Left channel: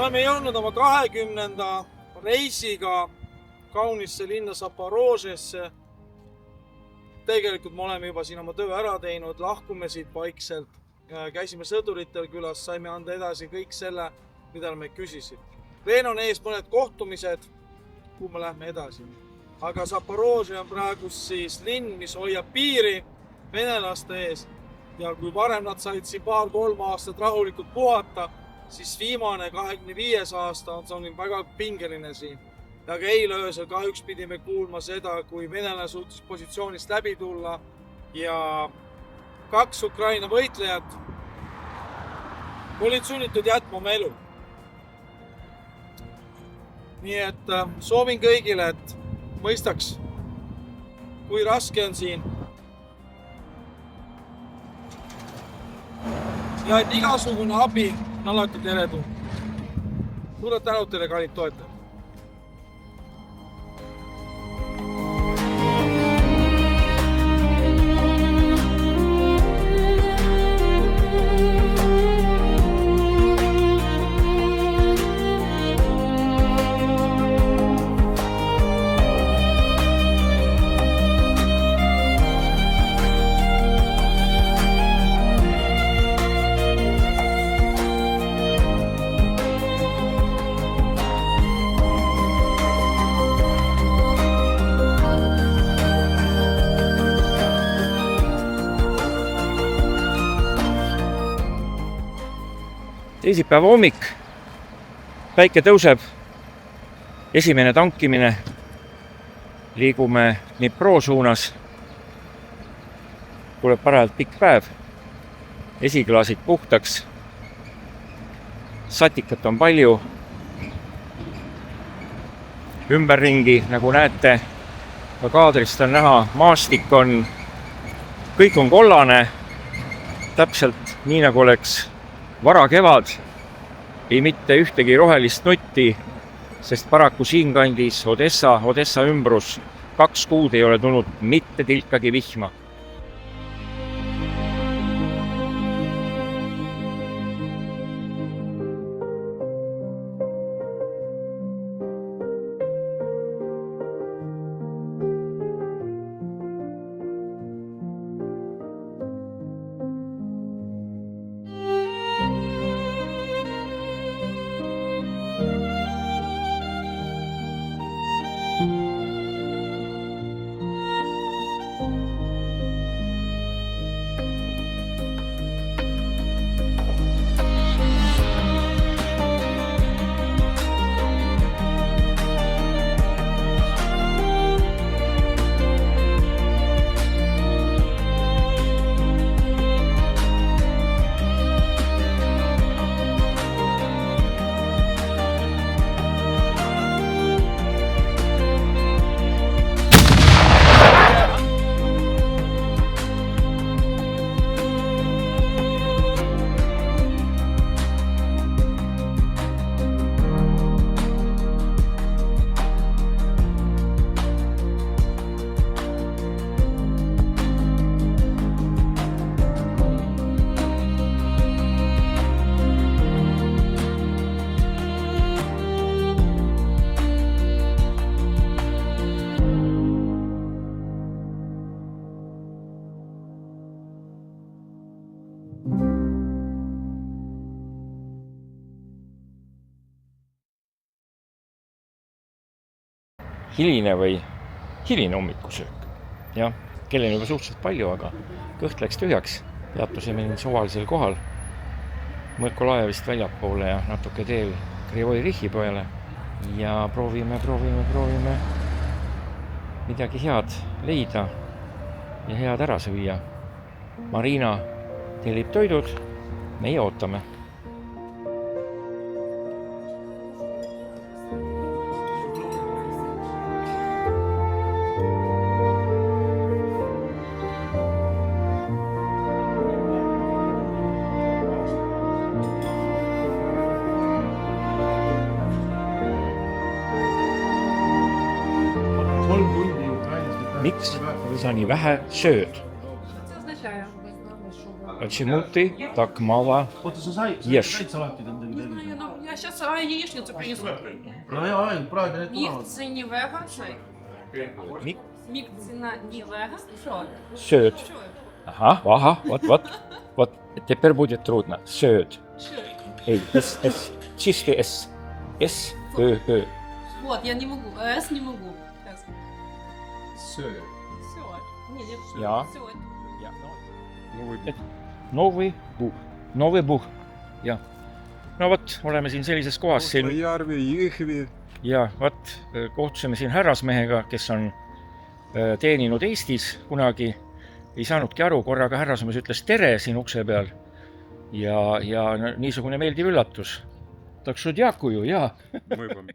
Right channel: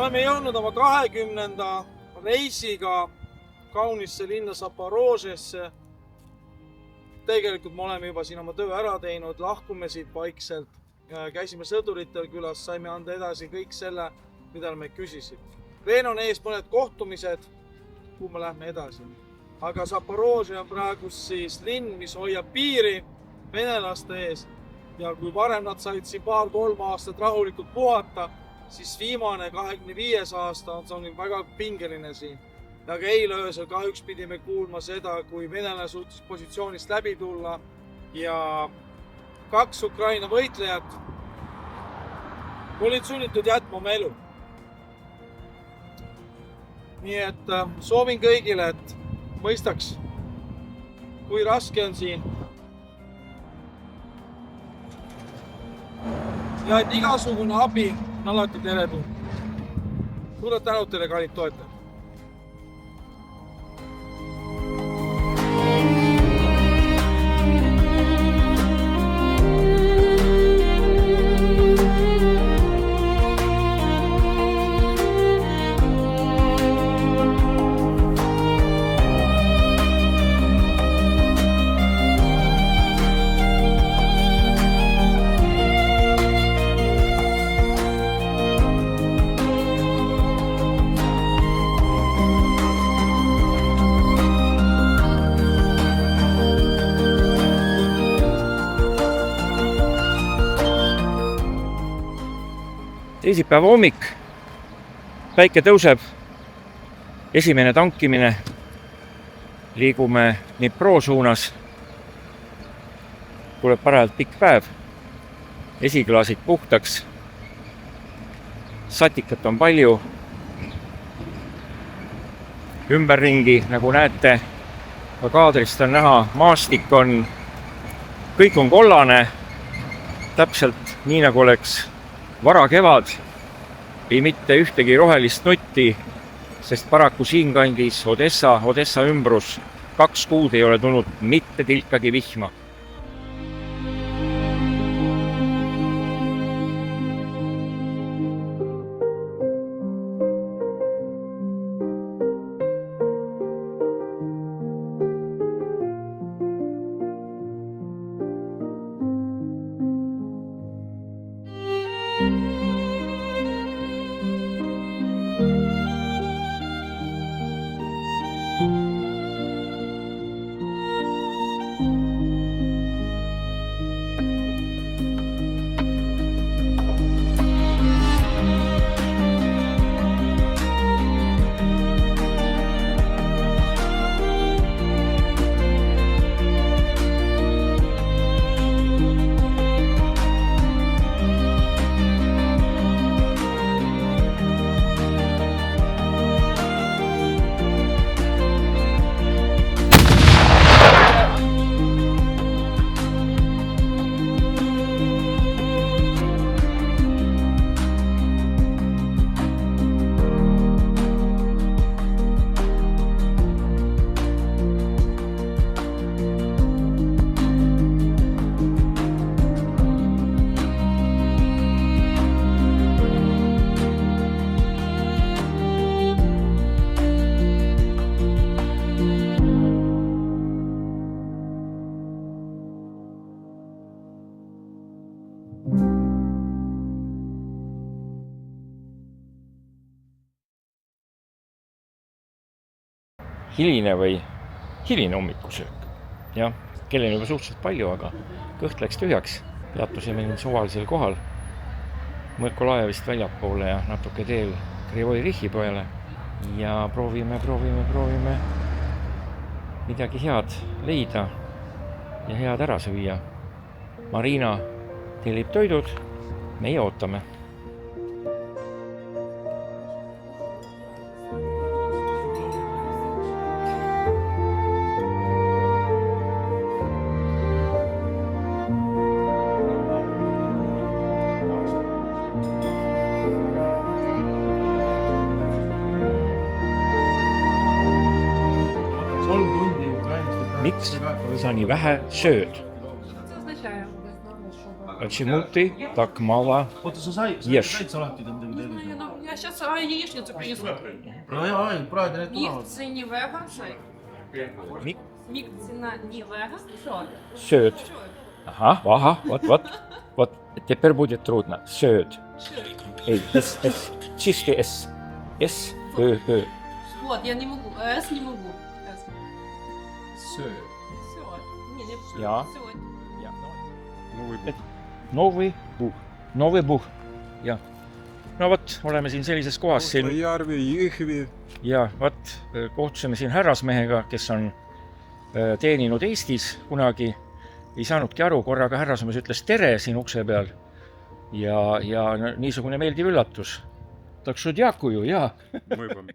oleme jõudnud oma 20. reisiga kaunisse linna Zaporožesse. Tegelikult me oleme juba siin oma töö ära teinud, lahkume siit vaikselt. Käisime sõduritel külas, saime anda edasi kõik selle, mida me küsisid. Veel on ees mõned kohtumised, kuhu me lähme edasi. Aga Zaporožje on praegu siis linn, mis hoiab piiri venelaste ees. Ja kui varem nad said siin 2-3 aastat rahulikult puhata, siis viimane 25 aasta on väga pingeline siin. Ja ka eile öösel kahjuks pidime kuulma seda, kui venelane suutis positsioonist läbi tulla ja 2 Ukraina võitlejat olid sunnitud jätma oma elu. Nii et soovin kõigile, et mõistaks, kui raske on siin. Ja et igasugune abi on alati teretulnud. Suured tänud teile, kallid toetajad. Teisipäeva hommik, päike tõuseb, esimene tankimine, liigume Dnipro suunas, tuleb parajalt pikk päev, esiklaasid puhtaks, satikat on palju, ümberringi, nagu näete, ka kaadrist on näha, maastik on, kõik on kollane, täpselt nii nagu oleks vara kevad, ei mitte ühtegi rohelist nutti, sest paraku siinkandis Odessa ümbrus 2 kuud ei ole tulnud mitte tilkagi vihma. Hiline hommikusöök. Jah, kell on juba suhteliselt palju, aga kõht läks tühjaks. Peatusime nüüd suvalisel kohal Mõkolajevist väljapoole ja natuke teel Krivoi Rihi peale ja proovime midagi head leida ja head ära süüa. Marina tellib toidud, meie ootame. Miks sa nii vähe sööd? Чому ти так мало їш? Я сейчас яичницу принесу. Praegu need Мікці не вега, що? Mik- Мікці на не вега, що? sööd. Що? Ahah, vot, teper будет трудно. Sööd. Що? Ei, S. Чисти S. S, Ö. Вот, я не могу. С не могу. С. Söö. Все. Не, не. Ja. Все. Ja, Новый Новый Buh. Jah. No vot, oleme siin sellises kohas siin Järvi, Jõhvi. ja vot kohtusime siin härrasmehega, kes on teeninud Eestis kunagi. Ei saanudki aru, korraga härrasmees ütles tere siin ukse peal. Ja niisugune meeldiv üllatus. Tak что дякую, ja. Мы вам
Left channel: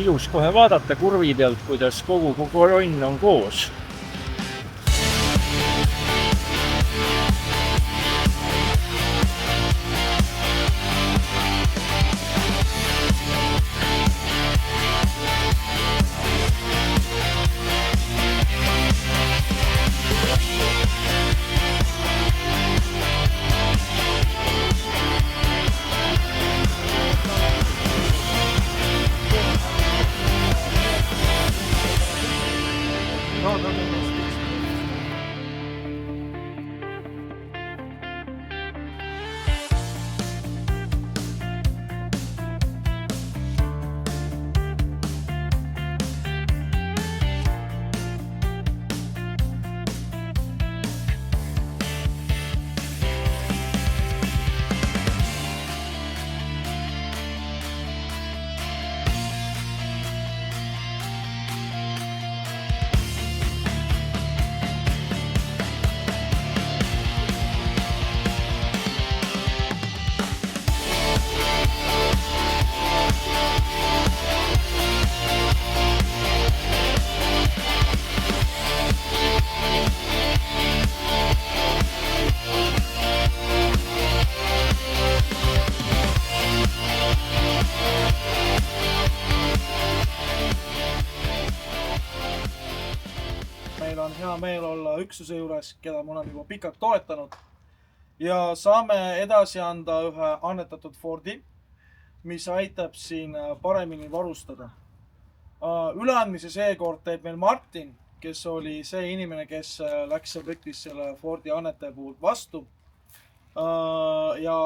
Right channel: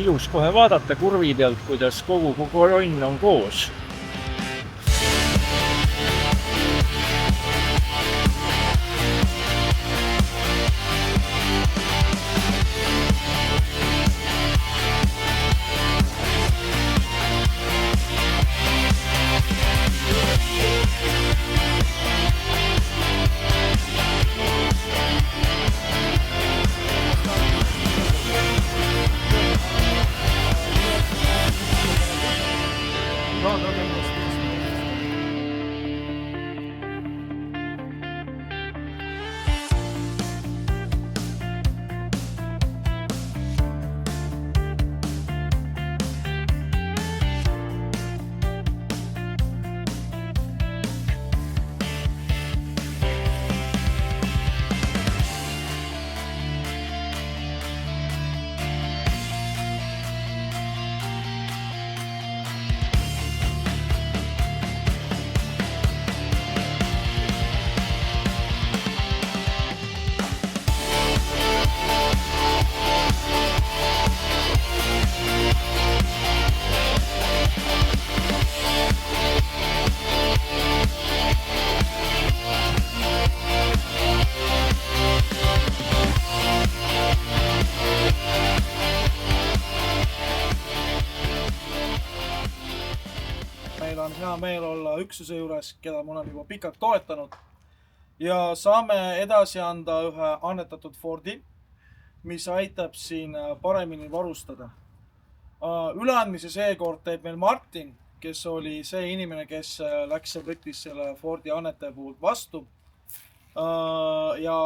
Ilus kohe vaadata kurvi pealt, kuidas kogu kolonn on koos. Meil on hea meel olla üksuse juures, keda ma olen juba pikalt toetanud. Ja saame edasi anda ühe annetatud Fordi, mis aitab siin paremini varustada. Üleandmise seekord teeb meil Martin, kes oli see inimene, kes läks ja võttis selle Fordi annetaja puhul vastu. Ja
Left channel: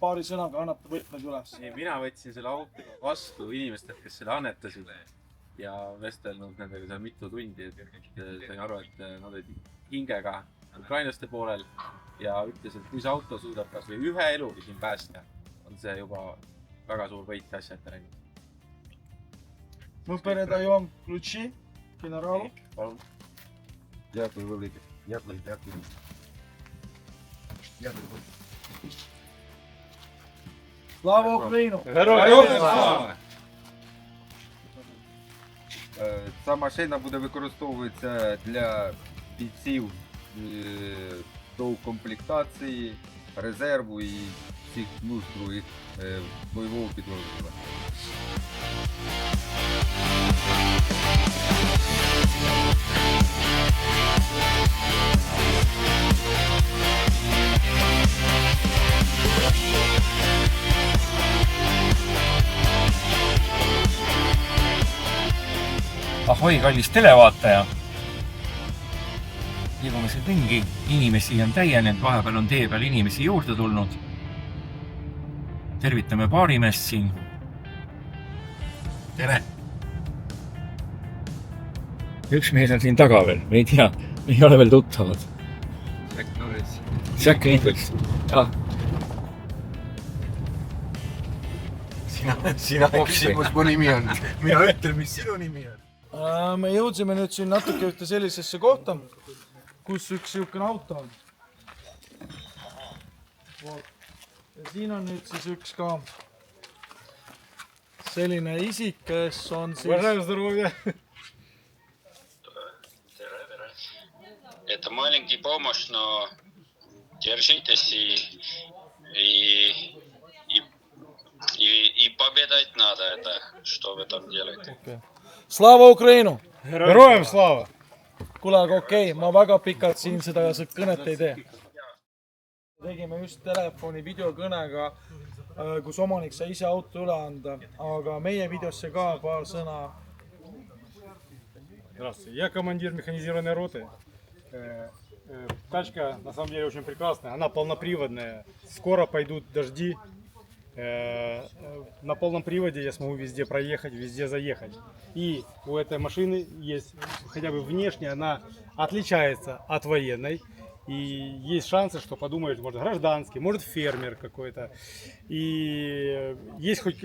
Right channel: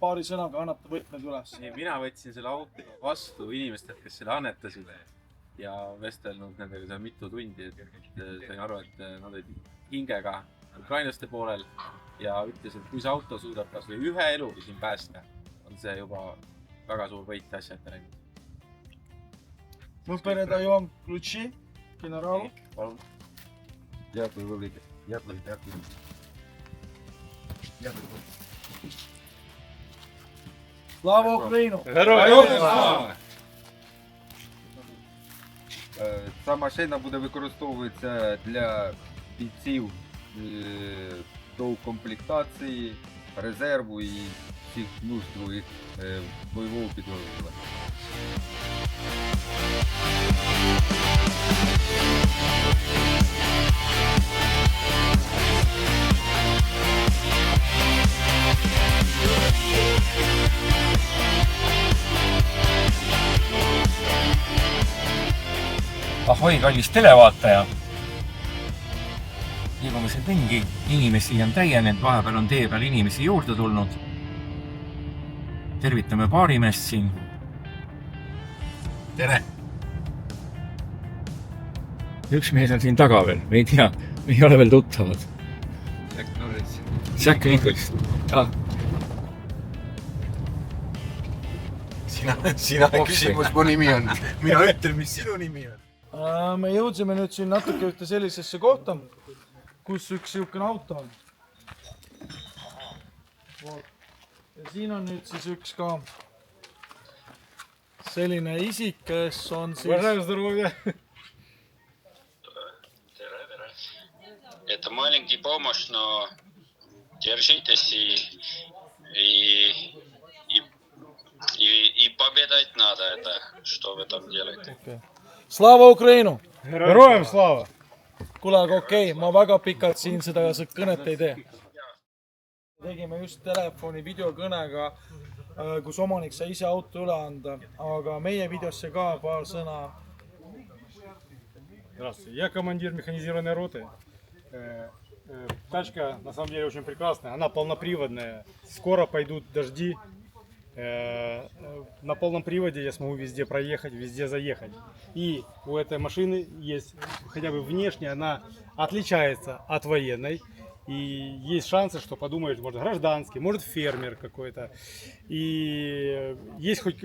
paari sõnaga annab ta võtmed üles. Mina võtsin selle auto vastu inimestelt, kes selle annetasid ja vestelnud nendega seal mitu tundi, et sain aru, et nad olid hingega ukrainlaste poolel ja ütles, et kui see auto suudab kas või ühe elu siin päästa, on see juba väga suur võit asja ette läinud. Мы передаем ключи генералу. Palun. Дякую велике. Дякую. Слава Украину! Ця машина буде використовуватися для бійців доукомплектації, резерву і всіх нужд других бойового підрозділу. Ahoi, kallis televaataja! Liigume siin ringi, inimesi on täienenud, vahepeal on tee peal inimesi juurde tulnud. Tervitame baarimeest siin. Tere! Üks mees on siin taga veel, me ei tea, me ei ole veel tuttavad. Jack Norris. Sina küsimus, mu nimi on. Mina ütlen, mis sinu nimi on. me jõudsime nüüd siin natuke ühte sellisesse kohta, kus üks niisugune auto on. Ja siin on nüüd siis üks ka selline isik, kes on siis... Это маленький помощь, но держитесь и победать надо это, что вы там делаете. Slava Ukrainu! Героям слава! Kuule, aga okei, ma väga pikalt siin seda kõnet ei tee. Tegime just telefoni videokõnega, kus omanik sai ise auto üle anda, aga meie videosse ka paar sõna. Здравствуйте, я командир механизированной роты. Тачка на самом деле очень прекрасная, она полноприводная. Скоро пойдут дожди. На полном приводе я смогу везде проехать, везде заехать. И у этой машины есть, хотя бы внешне, она отличается от военной. И есть шансы, что подумают, может, гражданский, может, фермер какой-то. И есть хоть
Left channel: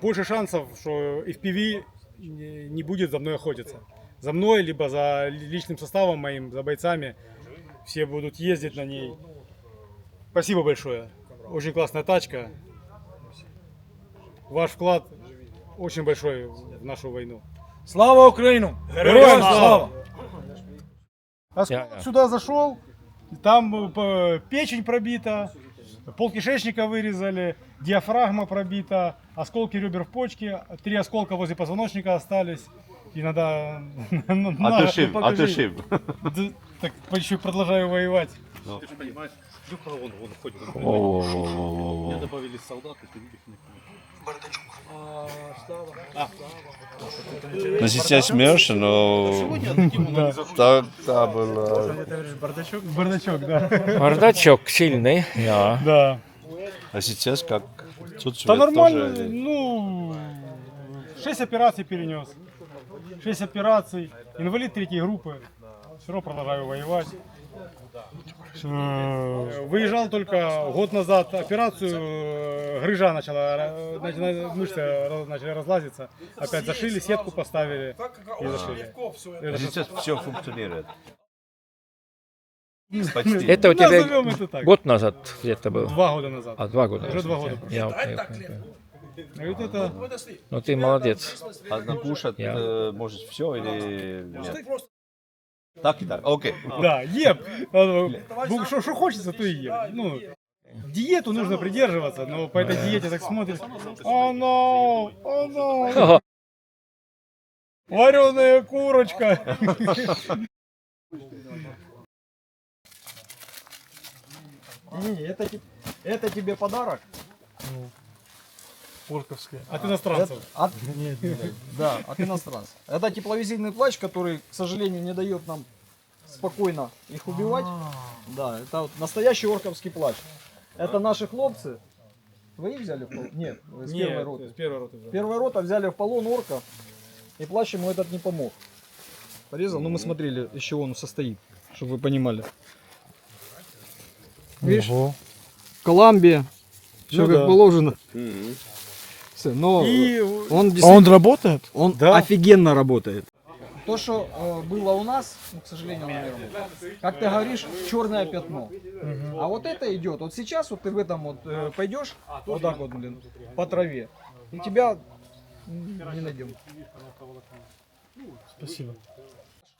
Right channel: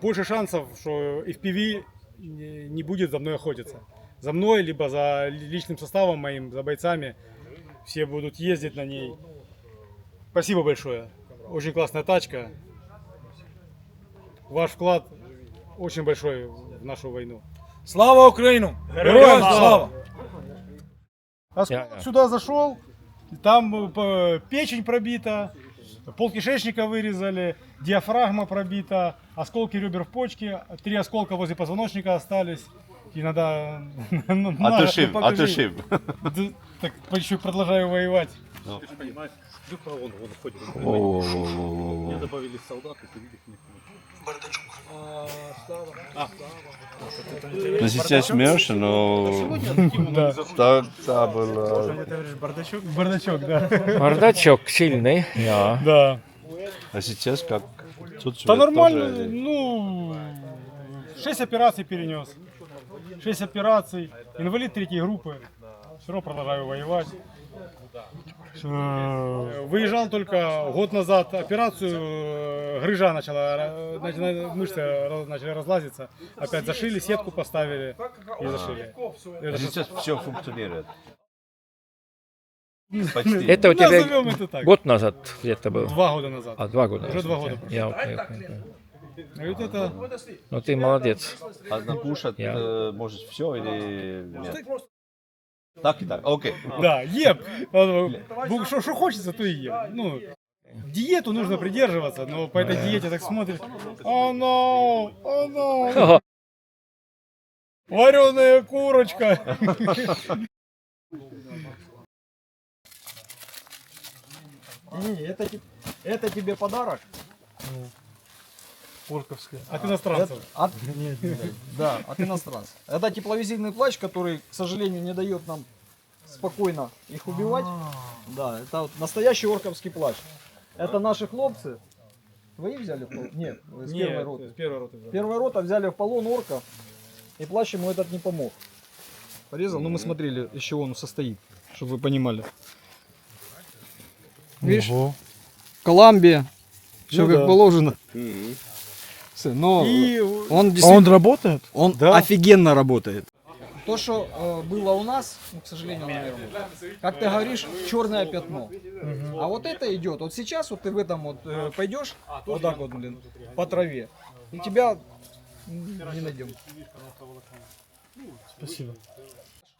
больше шансов, что FPV не будет за мной охотиться. За мной, либо за личным составом моим, за бойцами. Все будут ездить на ней. Спасибо большое. Очень классная тачка. Ваш вклад очень большой в нашу войну. Slava Ukrainu! Героям слава! Я. Сюда зашел, там печень пробита, полкишечника вырезали, диафрагма пробита, осколки ребер в почке, 3 осколка возле позвоночника остались. И надо... Отушив. Так еще продолжаю воевать. No сейчас смеешься, но так было. Бардачок? Бардачок, да. Bardачок сильный, jaa. Да. А сейчас как? Да нормально, ну, 6 операций перенес. 6 операций, инвалид 3 группы. Все равно продолжаю воевать. Выезжал только год назад операцию, грыжа начала, мышцы начали разлазиться. Опять зашили, сетку поставили и зашили. А сейчас все функционирует. Это у тебя Назовем это так. год назад где-то был? 2 года назад. А, 2 года. Уже 2 года. Я, окей. А вот это... Ну ты молодец. А накушать Я. может все или нет? Так и так, окей. Да, ем. Что хочется, то и ем. Ну, диету нужно придерживаться, но по этой диете так смотришь. Оно. Вареная курочка. Не, это тебе подарок. Орковская. От иностранцев. Да, от иностранцев. Это тепловизийный плащ, который, к сожалению, не дает нам спокойно их убивать. Да, это вот настоящий орковский плащ. Это наши хлопцы. Вы их взяли в полон? Нет, с первой роты. С первой роты. Первая рота взяли в полон орка, и плащ ему этот не помог. Порезал, но мы смотрели, из чего он состоит, чтобы вы понимали. Видишь? В Колумбии все как положено. Всё, но И он действительно... работает? Он Да. офигенно работает. То, что было у нас, ну, к сожалению, наверное, как ты говоришь, черное пятно. А вот это идет. Вот сейчас вот ты в этом вот пойдешь, вот так вот, блин, по траве, и тебя не найдем. Спасибо.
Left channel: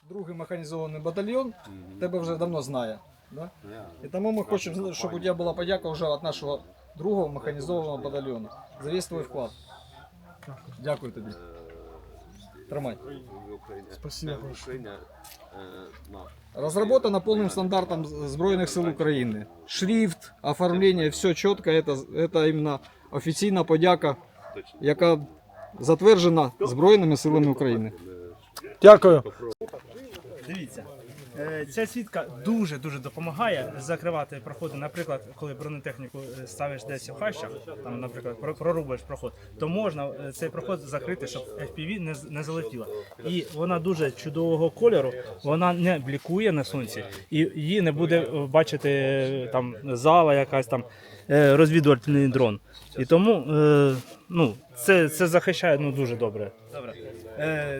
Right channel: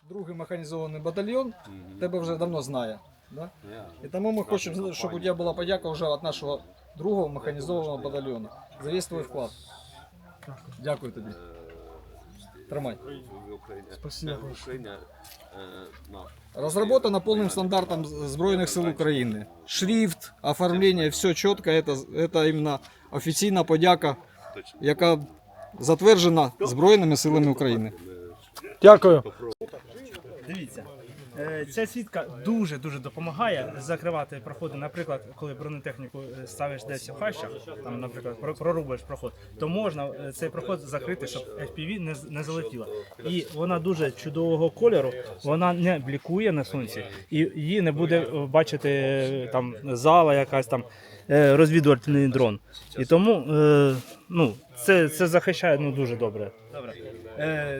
Другий механізований батальйон тебе вже давно знає. Да? І тому ми хочемо, щоб у тебе була подяка вже від нашого другого механізованого батальйону. За весь твій вклад. Дякую тобі. Тримай. Спасибо. Разработано полным стандартом Збройних сил України. Шрифт, оформлення, все чітко. Это іменно офіційна подяка, яка затверджена Збройними силами України. Дякую. Дивіться, ця сітка дуже допомагає закривати проходи. Наприклад, коли бронетехніку ставиш десь в хащах, там, наприклад, прорубаєш проход, то можна цей проход закрити, щоб FPV не залетіло. І вона дуже чудового кольору, вона не блікує на сонці, і її не буде бачити там зала, якась там розвідувальний дрон. І тому це захищає дуже добре. Добре.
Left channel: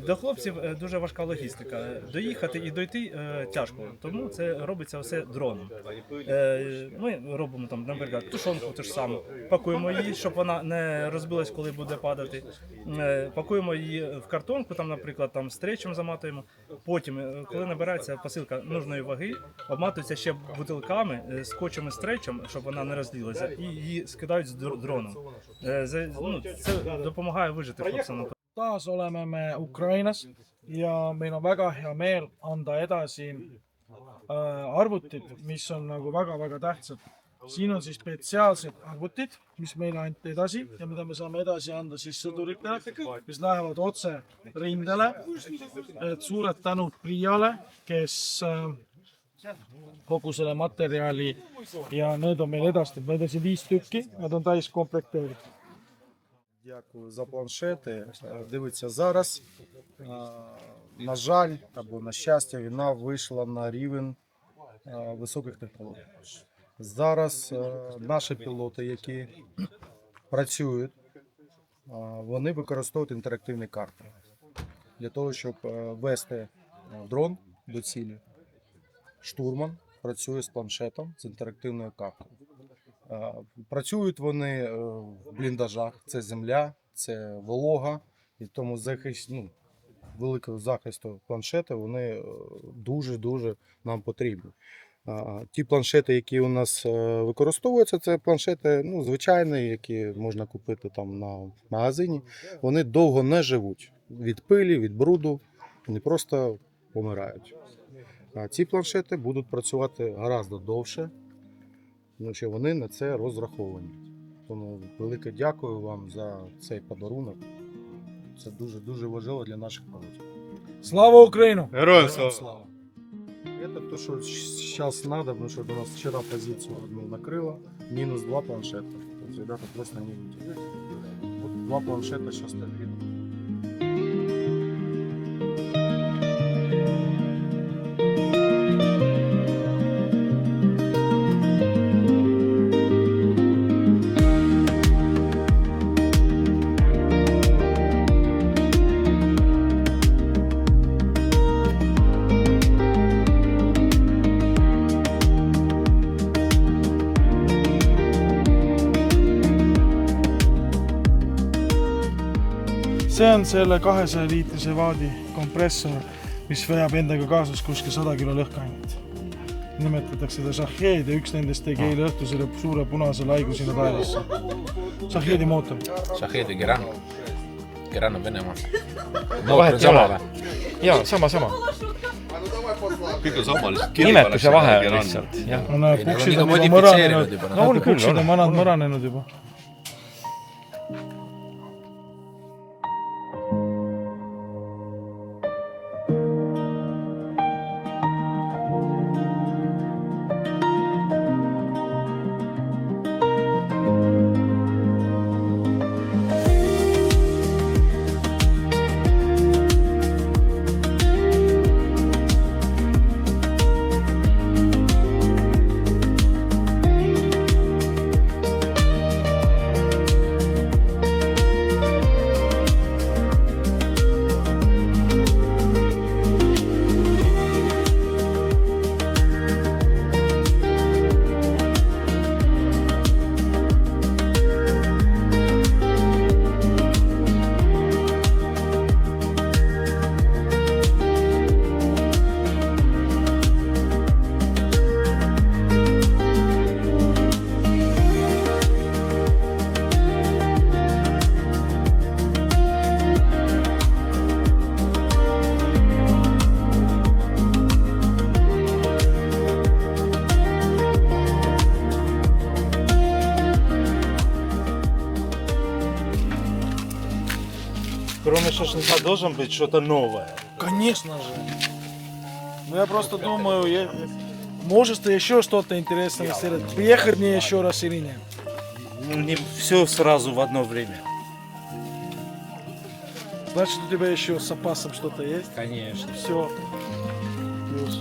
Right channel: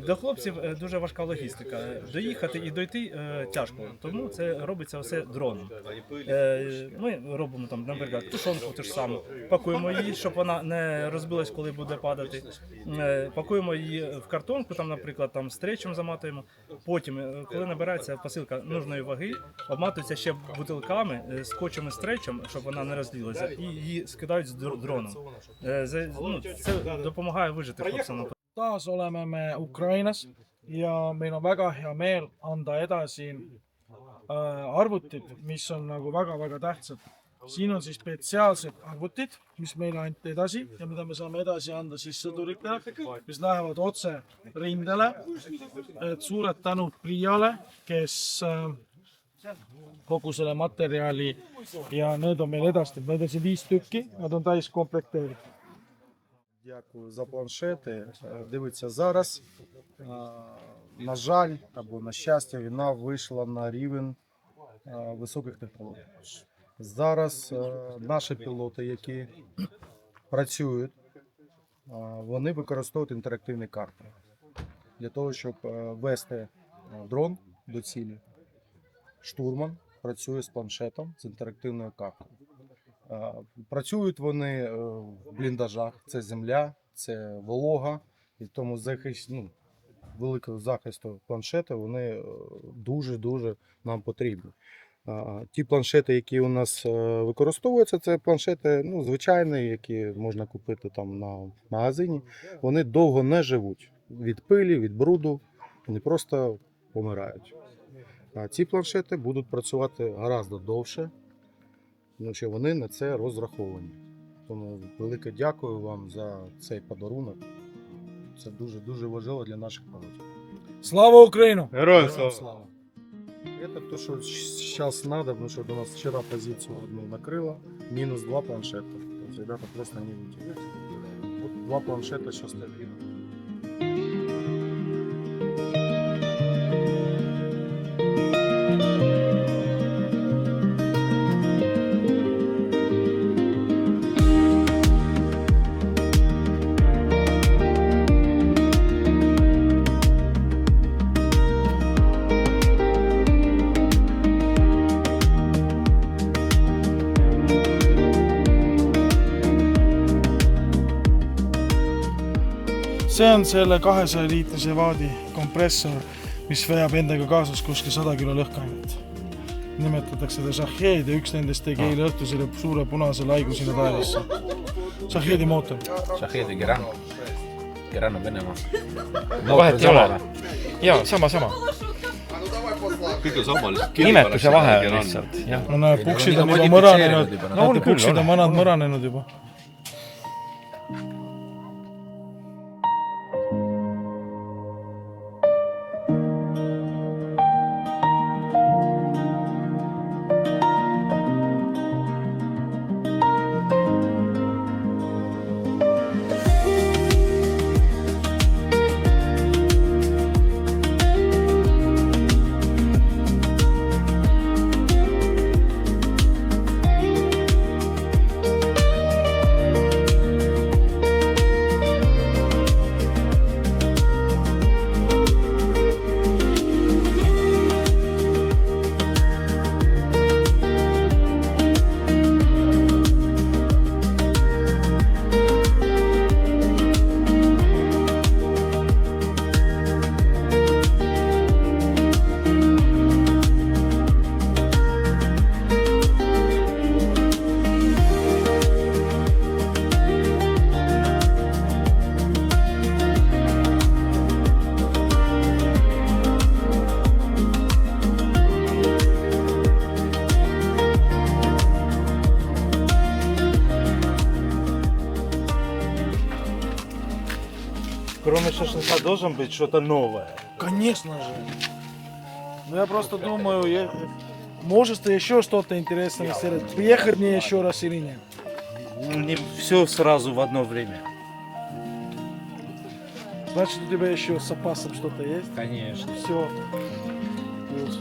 До хлопців дуже важка логістика. Доїхати і дойти тяжко, тому це робиться все дроном. Ми робимо там, наприклад, тушонку ту ж саму, пакуємо її, щоб вона не розбилась, коли буде падати. Пакуємо її в картонку, там, наприклад, там стречем заматуємо. Потім, коли набирається посилка нужної ваги, обматується ще бутилками, скотчем і стречем, щоб вона не розлілася, і її скидають з дроном. Це допомагає вижити хлопцям. Taas oleme me Ukrainas ja meil on väga hea meel anda edasi arvutid, mis on nagu väga-väga tähtsad. Siin on siis spetsiaalsed arvutid, mis meile anti edasi ja mida me saame edasi anda siis sõduritele, mis lähevad otse rindele. Et suured tänud Priiale, kes kogu selle materjali ja need on meil edastatud. Need on siin 5 tükki, nad on täis komplekteeritud. Дякую за планшети. Дивіться, зараз, на жаль, або на щастя, війна вийшла на рівень високих технологій. Зараз наші пілоти, які працюють, вони використовують інтерактивні карти для того, щоб вести дрон до цілі. Штурман працює з планшетом, з інтерактивною картою. Працюють вони в бліндажах, це земля, це волога, і тому великого захисту планшети вони дуже-дуже нам потрібні. Ті планшети, які у нас використовуються, це планшети звичайні, які можна купити там на магазині. Вони довго не живуть від пилі, від бруду, вони просто помирають. А ці планшети будуть працювати гораздо довше, тому що вони на це розраховані. Тому велике дякую вам за цей подарунок. Це дуже-дуже важливо для наших пілотів. Слава Україну! Героям слава! Это то, что сейчас надо, потому что у нас вчера позицию одну накрыло, минус 2 планшета. То есть ребята просто не выйдут. Вот 2 планшета сейчас стабильно. See on selle 200-liitrise vaadi kompressor, mis veab endaga kaasas kuskil 100 kilo lõhkeainet. Nimetatakse seda Shahed ja üks nendest tegi eile õhtul selle suure punase laigu sinna taevasse. Shahedi mootor. Shahedi Geran. Geran on Venemaal. Vahet ei ole. Jaa, sama. Kõik on sama, lihtsalt Nimetuse vahe on lihtsalt. No näed, puksid on juba mõranenud. No on küll, puksid on vanad mõranenud juba. Кроме шашлыка должен быть что-то новое. Конечно же. Ну я просто думаю, может еще что-то интересное сделать. Приехать мне еще раз или нет? Ну, не все сразу в одно время. Значит, у тебя еще с запасом что-то есть? Конечно. Все. Плюс.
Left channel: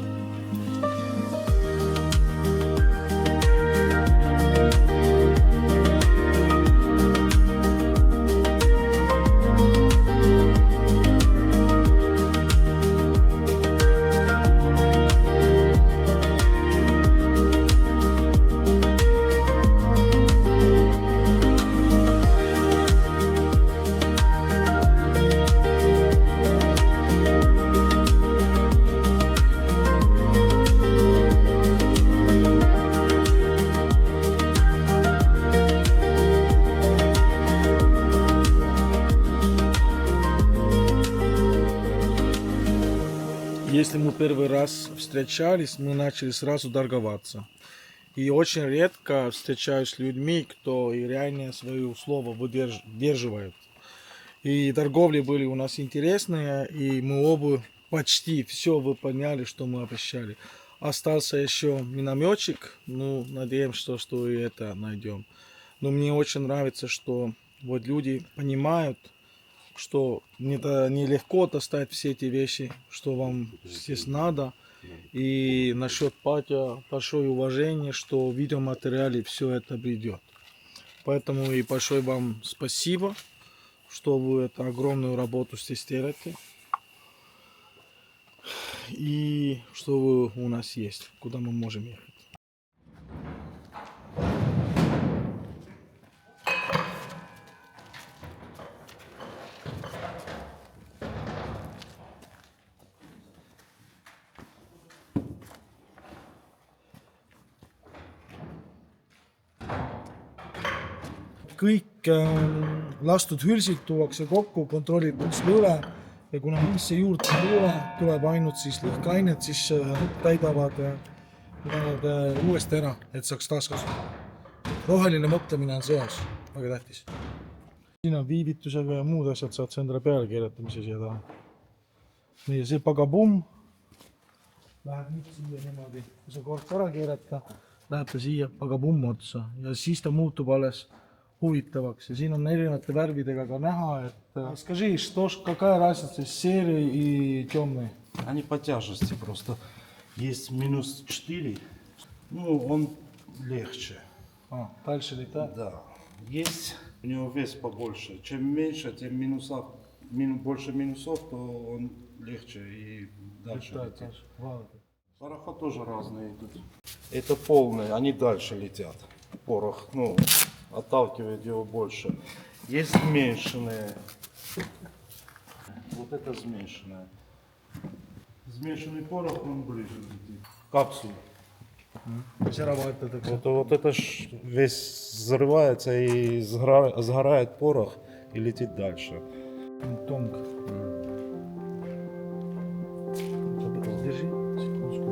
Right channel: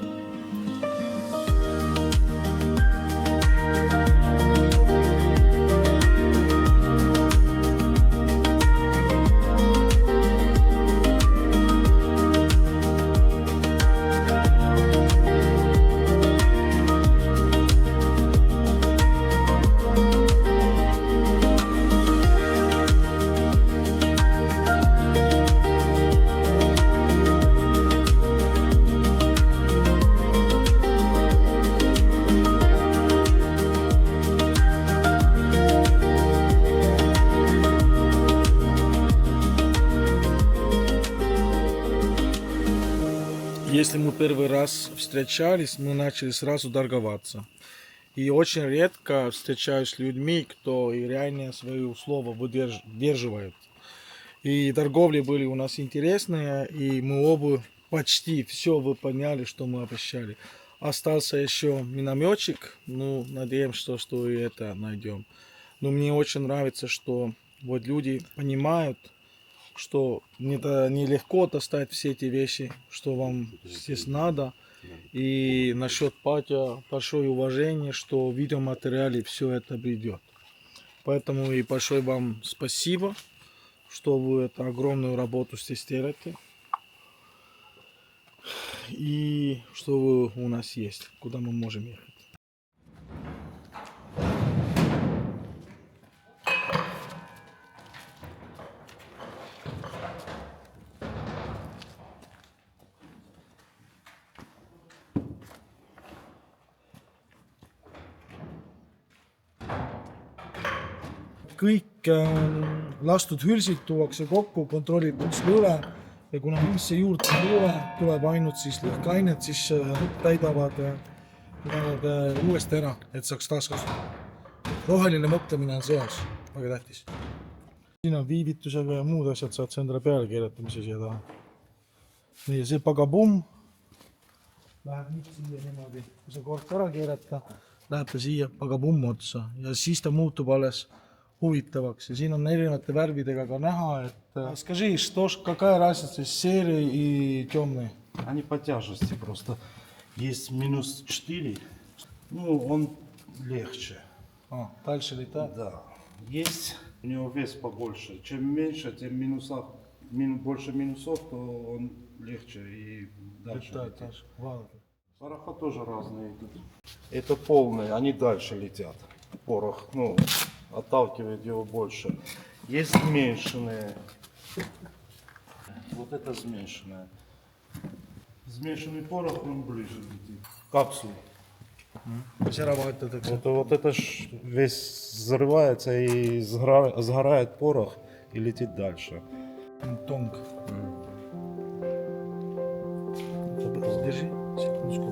если мы первый раз встречались, мы начали сразу торговаться. И очень редко встречаюсь с людьми, кто и реально свое слово выдерживает. И торговли были у нас интересные, и мы оба почти все выполняли, что мы обещали. Остался еще минометчик, ну, надеемся, что и это найдем. Но мне очень нравится, что вот люди понимают, что нелегко достать все эти вещи, что вам здесь надо. И насчет патио большое уважение, что в видеоматериале все это придет. Поэтому и большое вам спасибо, что вы эту огромную работу здесь делаете. И что вы у нас есть, куда мы можем ехать. Kõik lastud hülsid tuuakse kokku, kontrollitakse üle ja kuna üldse juurde ei tule, tuleb ainult siis lõhkeainet, siis täidavad nad uuesti ära, et saaks taaskasutada. Roheline mõtlemine on seas, väga tähtis. Siin on viivitusega ja muud asjad saad sa endale peale keeratamise siia taha. Nii, see pagabumm läheb nüüd siia niimoodi, kui sa kord ära keerata, läheb ta siia pagabumm otsa ja siis ta muutub alles huvitavaks. Ja siin on erinevate värvidega ka näha, et... Скажи, какая разница серый и темный? Они по тяжести просто. Есть минус 4, ну он легче. Дальше летает? Да. Есть у него вес побольше. Чем меньше, тем больше минусов, то он легче и дальше летит. Пороха тоже разные идут. Это полные, они дальше летят. Порох, ну, отталкивает его больше. Есть смешанные. Вот это смешанное. Смешанный порох, он ближе летит. Капсулы. Вот это ж весь взрывается и сгорает порох и летит дальше. Тонко. Держи секундочку.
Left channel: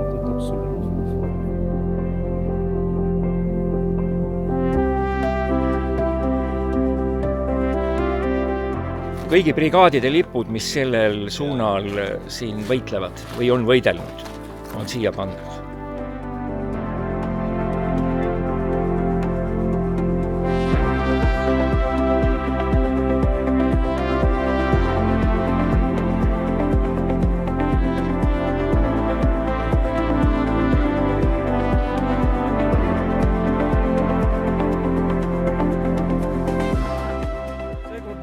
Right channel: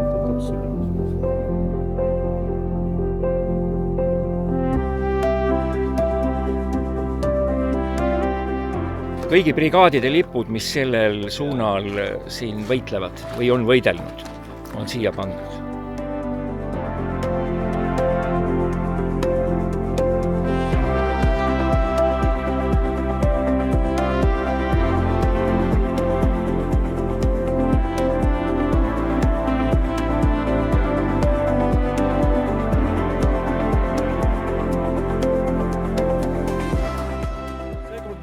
Это капсуля. Kõigi brigaadide lipud, mis sellel suunal siin võitlevad või on võidelnud, on siia pandud.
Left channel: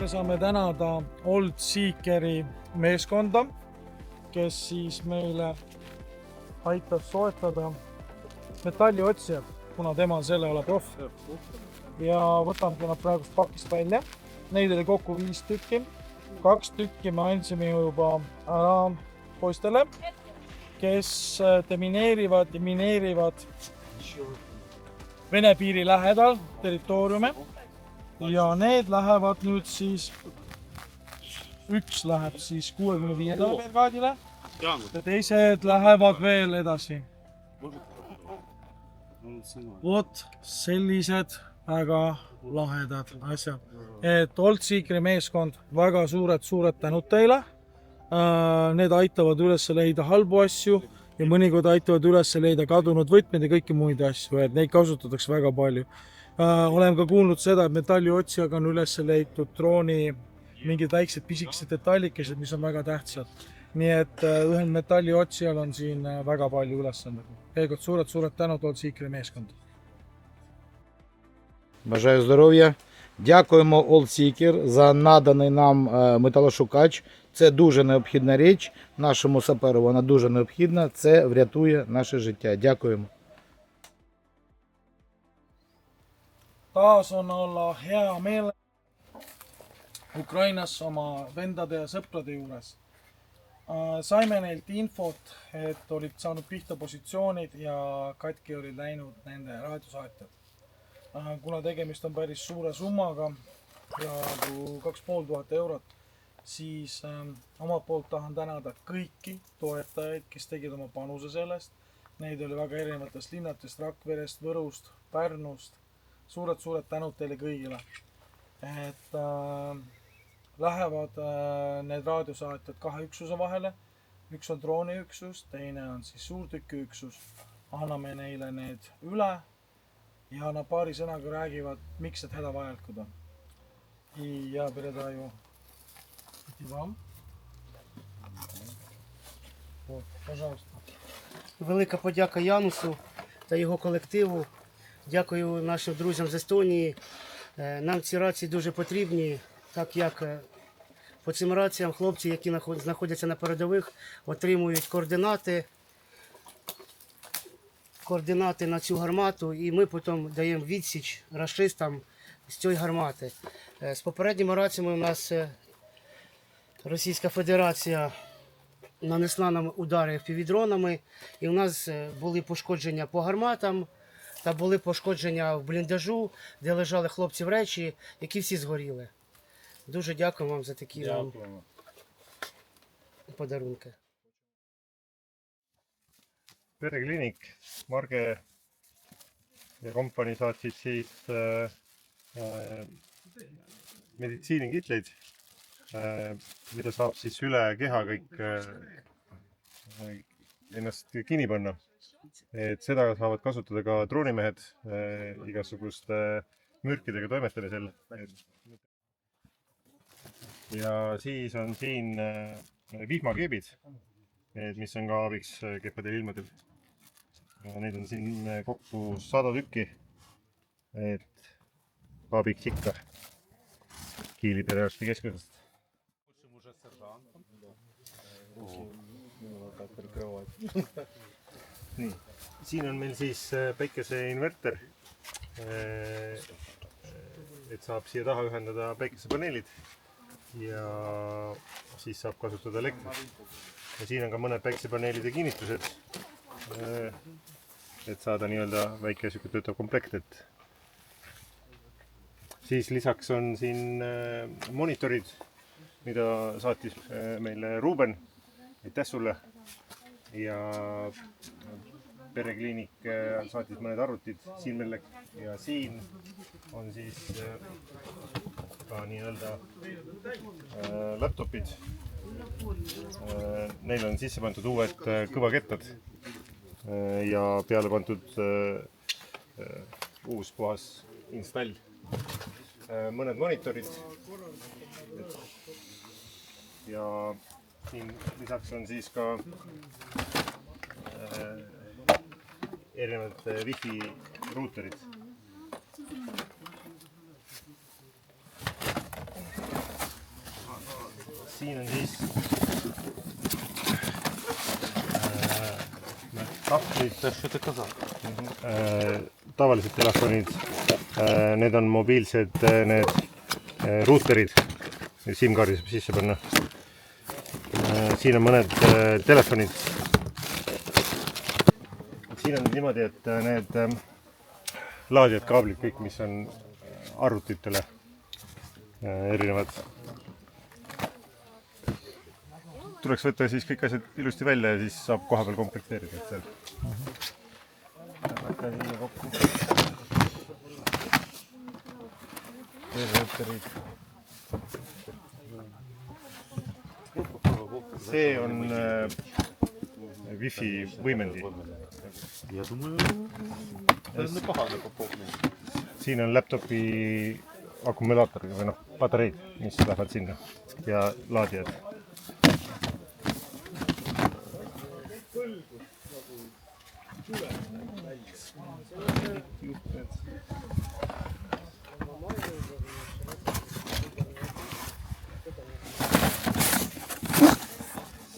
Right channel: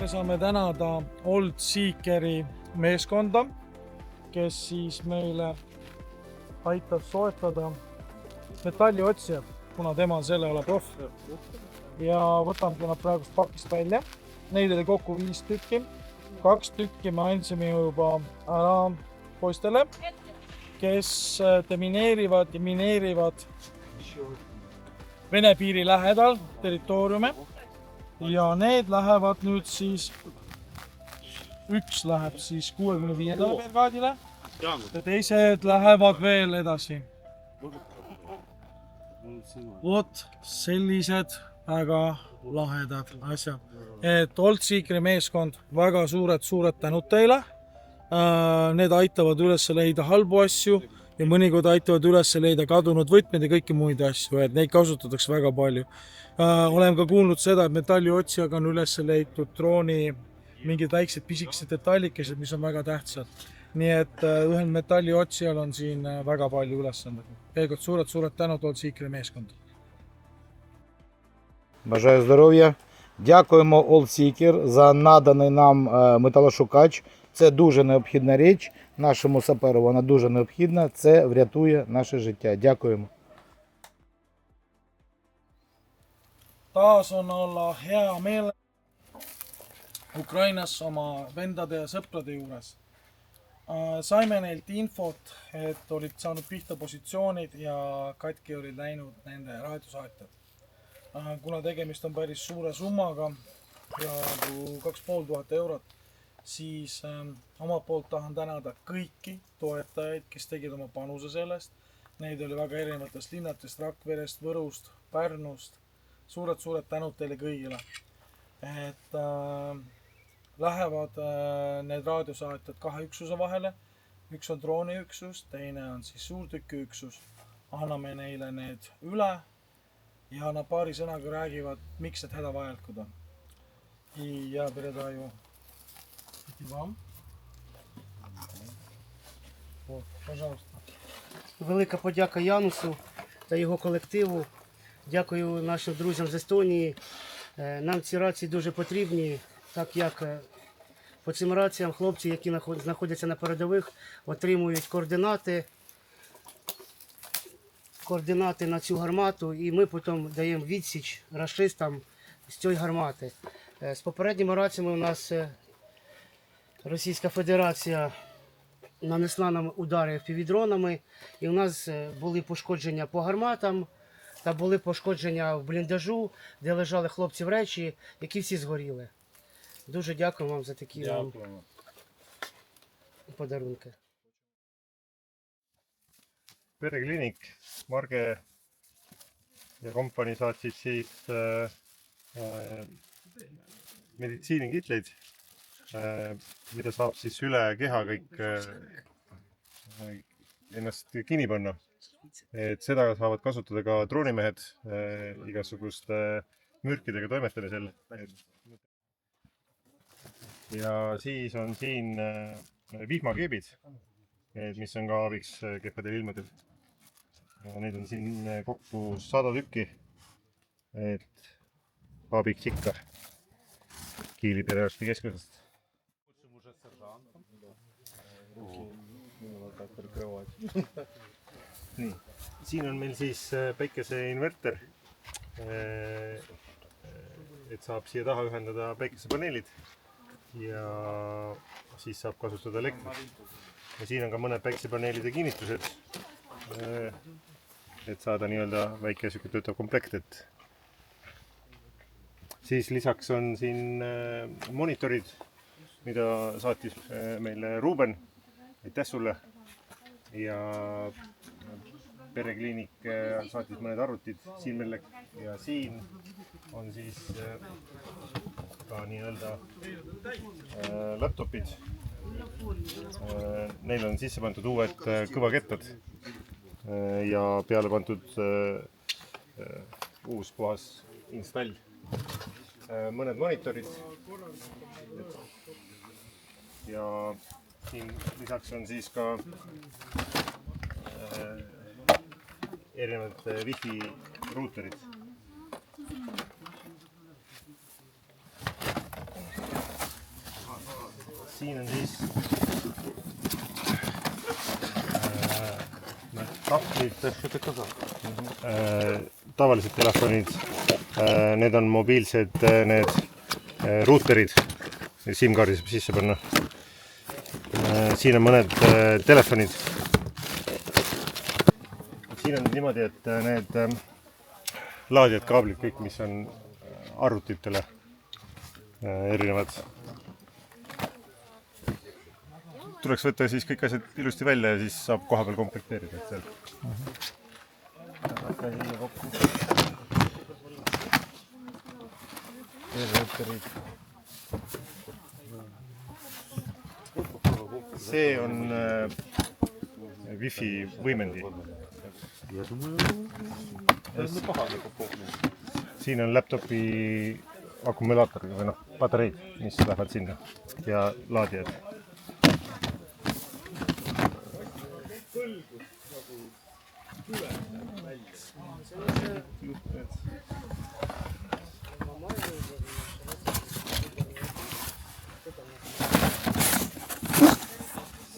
Saame tänada Old Seekeri meeskonda, kes siis meile aitab soetada metalliotsijad, kuna tema on selle ala proff. Ja võtamegi nad praegust pakist välja. Neid oli kokku 5 tükki. 2 tükki me andsime juba ära poistele, kes demineerivad ja mineerivad Vene piiri lähedal territooriume. Ja need lähevad nüüd siis, üks läheb siis 65. brigaadile ja teised lähevad veel edasi. Vot sellised väga lahedad asjad. Et Old Seekeri meeskond, väga suured tänud teile. Need aitavad üles leida halbu asju ja mõnikord aitavad üles leida kadunud võtmed ja kõiki muid asju, et neid kasutatakse väga palju. Olen ka kuulnud seda, et metalliotsijaga on üles leitud drooni mingid väiksed pisikesed detallikesed, mis on väga tähtsad. Nii et ühel metalliotsijal on siin väga palju ülesanded. Peegod suured tänud Old Seekeri meeskonda. Бажаю здоров'я. Дякуємо Old Seeker за наданий нам металошукач. Це дуже необхідна річ. Нашому саперу вона дуже необхідна. Це врятує наше життя. Дякуємо. Taas on olla hea meel Ukrainas oma vendade ja sõprade juures. Saime neilt infot, et olid saanud pihta positsioonid ja katki olid läinud nende raadiosaatjad. Kuna tegemist on päris suure summaga, peaaegu 2500 eurot, siis omalt poolt tahan tänada kõiki toetajaid, kes tegid oma panuse sellest. Neid oli väga erinevatest linnatest, Rakverest, Võrust, Pärnust. Suured tänud teile kõigile. Et lähevad need raadiosaatjad 2 üksuse vahele. Üks on drooniüksus, teine on siis suurtükiüksus. Anname neile need üle ja nad paari sõnaga räägivad, miks need hädavajalikud on. I ja передаю вам. Вот, пожалуйста. Велика подяка Янусу та його колективу. Дякую нашим друзям з Естонії. Нам ці рації дуже потрібні, так як по цим раціям хлопці, які знаходяться на передових, отримують координати на цю гармату, і ми потім даємо відсіч рашистам з цієї гармати. З попередніми раціями у нас Російська Федерація нанесла нам удари впівдронами, і у нас були пошкодження по гарматам, та були пошкодження в бліндажу, де лежали хлопців речі, які всі згоріли. Дуже дякую вам за такі подарунки. Perekliinik, Marge ja kompanii saatsid siis meditsiinikitleid, mida saab siis üle keha kõik ennast kinni panna. Et seda saavad kasutada ka droonimehed igasuguste mürkidega toimetamisel. Ja siis on siin vihmakeebid, mis on ka abiks kehvadel ilmadel. Neid on siin kokku 100 tükki, et abiks ikka Kiili perearsti keskusest. Nii, siin on meil siis päikeseinverter, et saab siia taha ühendada päikesepaneelid ja siis saab kasutada elektrit. Ja siin on ka mõned päikesepaneelide kinnitused, et saada nii-öelda väike süke töötav komplekt. Siis lisaks on siin monitorid, mida saatis meile Ruuben. Aitäh sulle! Ja Perekliinik saatis mõned arvutid siin meile ja siin on siis ka nii-öelda laptopid. Neil on sisse pandud uued kõvakettad ja peale pandud uus puhas install. Mõned monitorid ja siin lisaks on siis ka erinevad wifi ruuterid. Siin on siis tahvlid, tavalised telefonid, need on mobiilsed need ruuterid, SIM-kaardi saab sisse panna. Siin on mõned telefonid. Siin on niimoodi, et need laadijad kaablid kõik, mis on arvutitele erinevad. Tuleks võtta siis kõik asjad ilusti välja ja siis saab koha peal komplekteerida seal. Hakka siia kokku. See on wifi võimendi. Siin on laptopi akumulaator või patareid, mis lähevad sinna ja laadijad.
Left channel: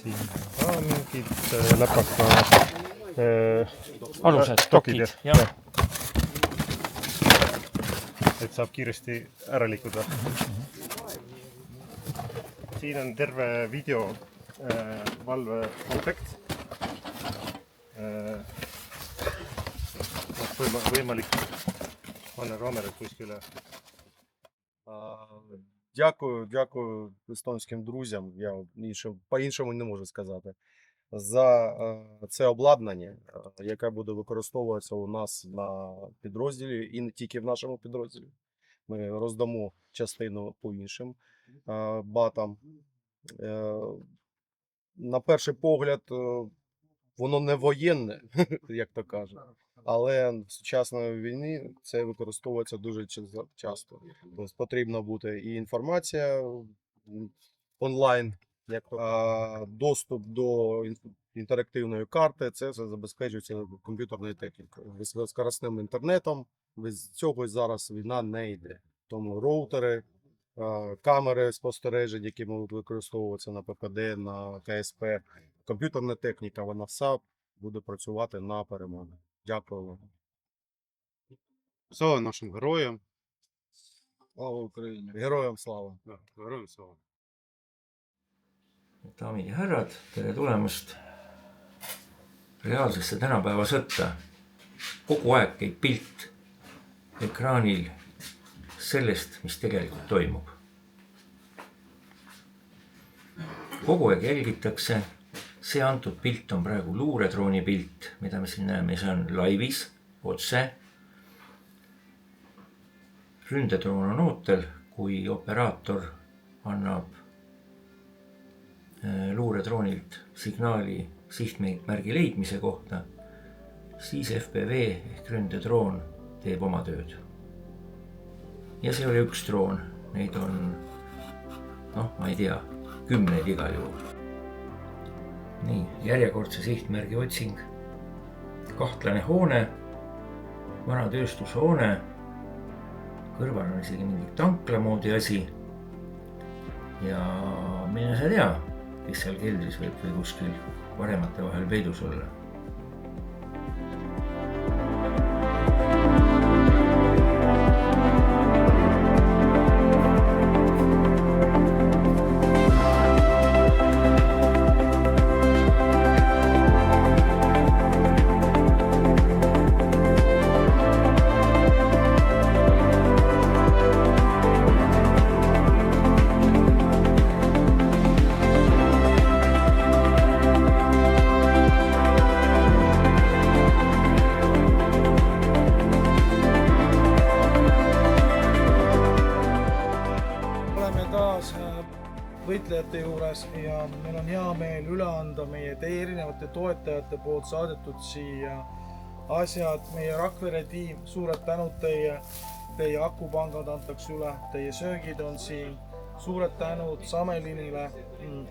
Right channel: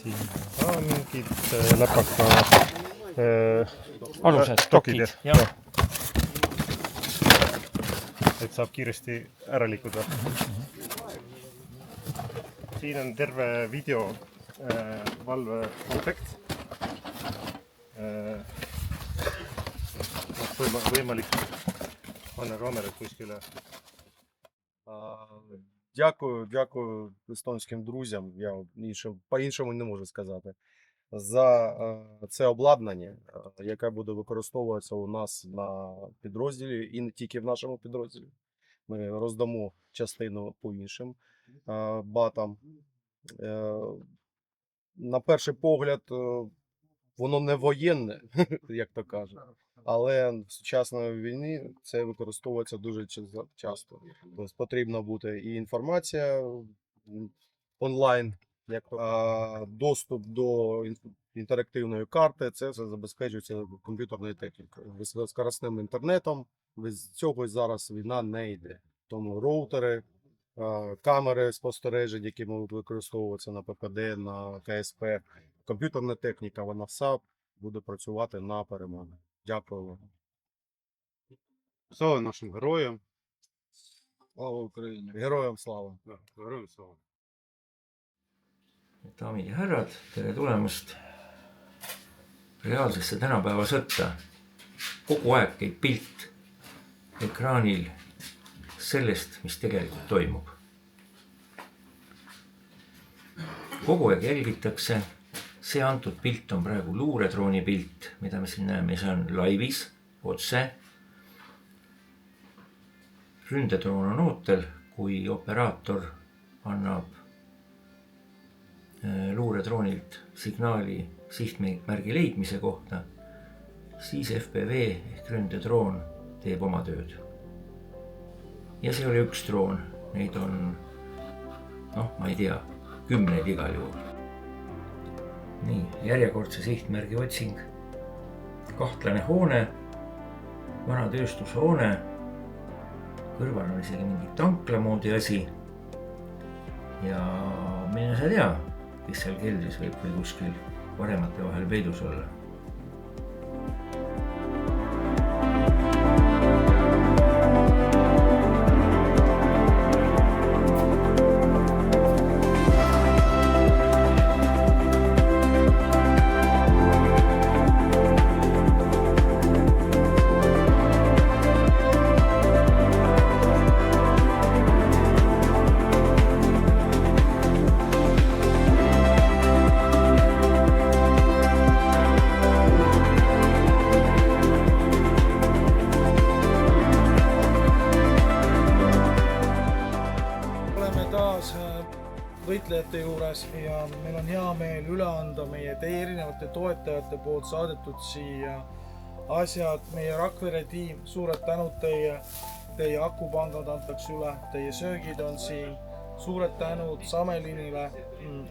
Siin ka mingid läpaka alused, dokid. Et saab kiiresti ära liikuda. Siin on terve video valve komplekt. Võimalik panna kaamerat kuskile Дякую естонським друзям. Я по-іншому не можу сказати. За це обладнання, яке буде використовуватися у нас на підрозділі і не тільки в нашому підрозділі. Ми роздамо частину по іншим батам. На перший погляд, воно не воєнне, як то кажуть, але в сучасній війні це використовується дуже часто. Тобто потрібна бути і інформація онлайн, доступ до інтерактивної карти, це все забезпечується комп'ютерною технікою. Високоскоростним інтернетом, без цього зараз війна не йде. Тому роутери, камери спостережень, які можуть використовуватися на ППД, на КСП, комп'ютерна техніка, вона вся буде працювати на перемогу. Дякую вам. Слава нашим героям. Слава Україні! Героям слава! Героям слава! daamid ja härrad, tere tulemast reaalsesse tänapäeva sõtta. Kogu aeg käib pilt ekraanil sellest, mis tegelikult toimub. Kogu aeg jälgitakse. See antud pilt on praegu luuredrooni pilt, mida me siin näeme. See on laivis, otse. Ründedroon on ootel, kui operaator annab luuredroonilt signaali sihtmärgi leidmise kohta, siis FPV ehk ründedroon teeb oma tööd. Ja see oli üks droon, neid on, ma ei tea, 10 igal juhul. Nii, järjekordse sihtmärgi otsing. Kahtlane hoone, vana tööstushoone, kõrval on isegi mingi tankla moodi asi. Ja mine sa tea, kes seal keldris võib või kuskil varemate vahel peidus olla. võitlejate juures ja meil on hea meel üle anda meie teie erinevate toetajate poolt saadetud siia asjad. Meie Rakvere tiim, suured tänud teie akupangad antakse üle, teie söögid on siin. Suured tänud Samelinile,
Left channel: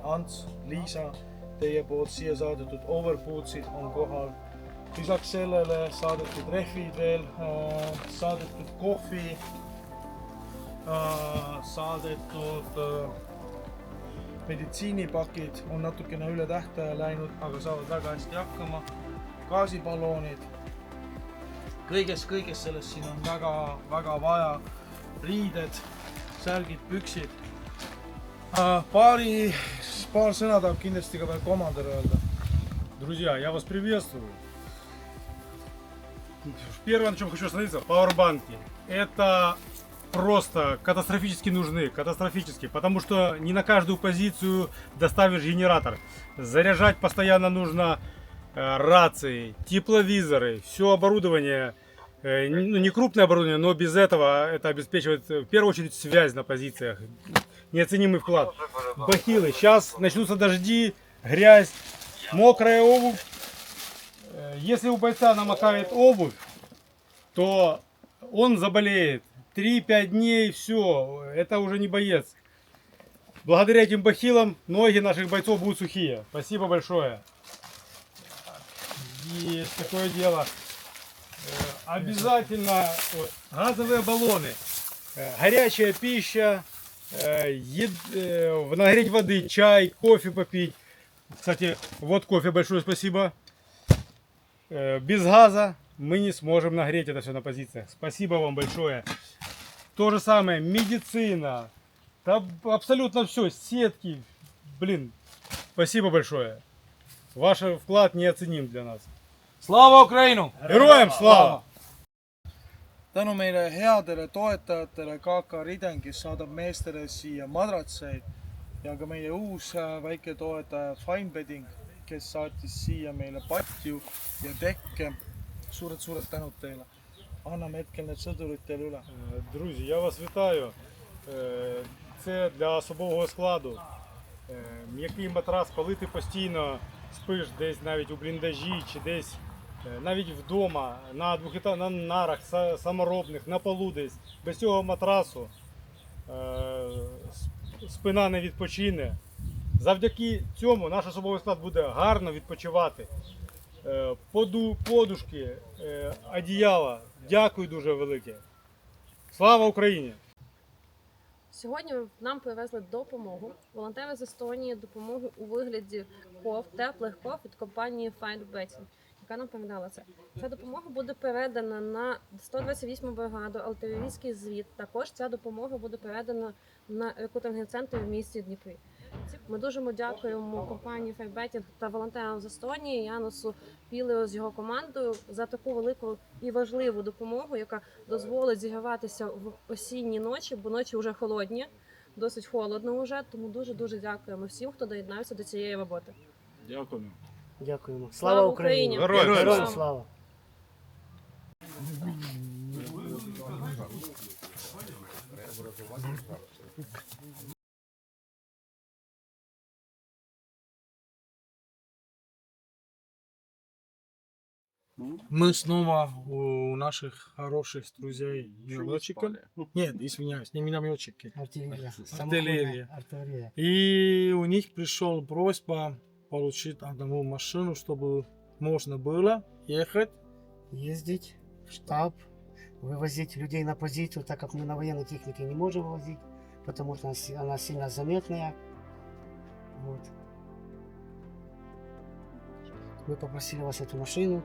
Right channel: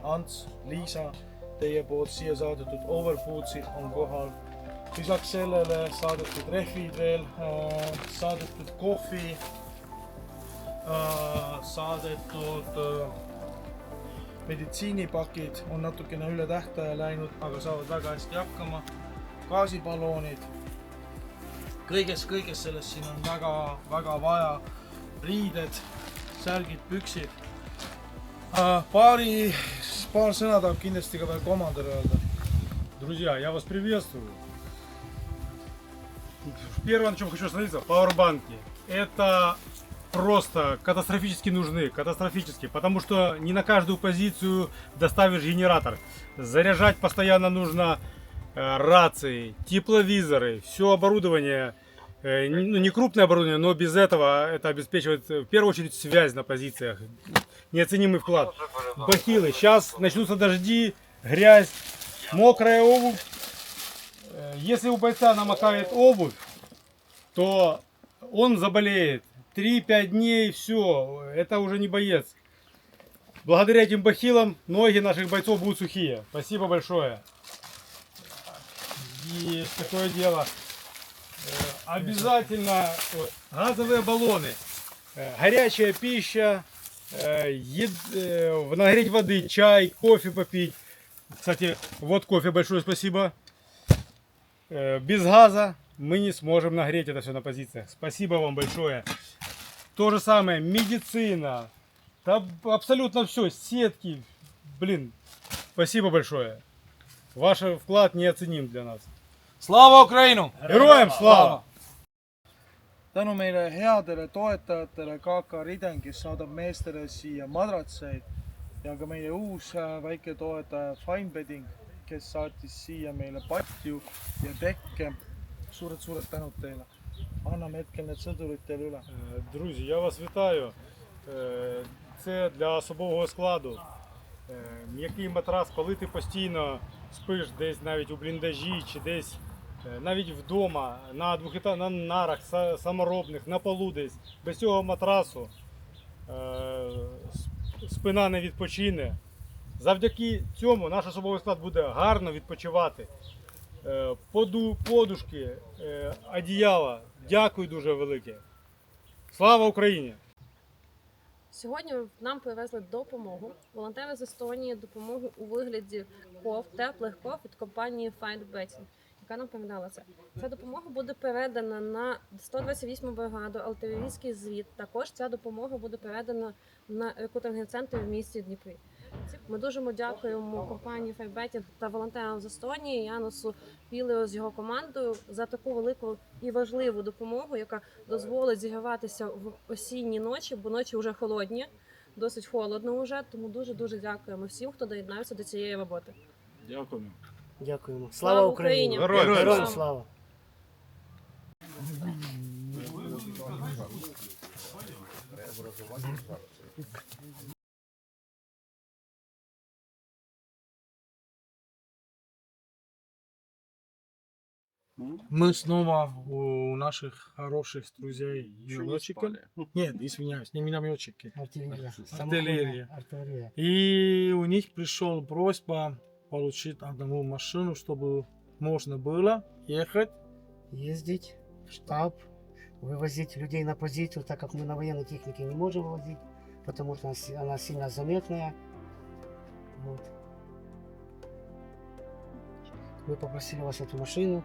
Ants, Liisa, teie poolt siia saadetud overbootsid on kohal. Lisaks sellele saadetud rehvid veel, saadetud kohvi, saadetud meditsiinipakid on natukene üle tähtaja läinud, aga saavad väga hästi hakkama. Gaasiballoonid. Kõiges sellest siin on väga vaja. Riided, särgid, püksid. Paar sõna tahab kindlasti ka veel komandör öelda. Друзья, я вас приветствую. Первое, на чем хочу остановиться, пауэрбанки. Это просто катастрофически нужны, катастрофически, потому что не на каждую позицию доставишь генератор. Заряжать постоянно нужно рации, тепловизоры, все оборудование, не крупное оборудование, но без этого это обеспечивает в первую очередь связь на позициях. Неоценимый вклад. Бахилы. Сейчас начнутся дожди, грязь, мокрая обувь. Если у бойца намокает обувь, то он заболеет. 3-5 дней, все, это уже не боец. Благодаря этим бахилам ноги наших бойцов будут сухие. Спасибо большое. Есть такое дело. Обязательно газовые баллоны, горячая пища, нагреть воды, чай, кофе попить. Кстати, вот кофе, большое спасибо. Без газа мы не сможем нагреть это все на позициях. Спасибо вам большое. То же самое, медицина, абсолютно все, сетки. Блин, спасибо большое. Ваш вклад неоценим для нас. Слава Украину! Героям слава! tänu meile headele toetajatele KK Riden, kes saadab meestele siia madratseid ja ka meie uus väike toetaja Finebedding, kes saatis siia meile patju ja tekke. Suured tänud teile. Anname hetkel need sõdurid teile üle. Друзі, я вас вітаю. Це для особового складу. М'який матрас, коли ти постійно спиш десь навіть у бліндажі чи десь навіть вдома, на нарах саморобних, на полу десь, без цього матрасу спина не відпочине. Завдяки цьому наш особовий склад буде гарно відпочивати. Подушки, одіяла. Дякую дуже велике. Слава Україні! Сьогодні нам привезли допомогу. Волонтери з Естонії допомогу у вигляді теплих ков від компанії Finebedding, яка нам передала це. Ця допомога буде передана на 128-му бригаду, артилерійський звіт. Також ця допомога буде передана на рекрутинговий центр в місті Дніпрі. Ми дуже дякуємо компанії Finebedding та волонтерам з Естонії, Янусу Пілео з його командою за таку велику і важливу допомогу, яка дозволить зігріватися в осінні ночі, бо ночі вже холодні, досить холодно вже, тому дуже дякуємо всім, хто доєднався до цієї роботи. Дякуємо. Дякуємо. Слава Україні! Героям слава! Мы снова у наших хороших друзей минометчиков. Нет, извиняюсь, не минометчики. Артиллерия. И у них пришел просьба получить одну машину, чтобы можно было ехать. Ездить в штаб, вывозить людей на позицию, так как мы на военной технике не можем вывозить, потому что она сильно заметная. Вот. Мы попросили вас эту машину,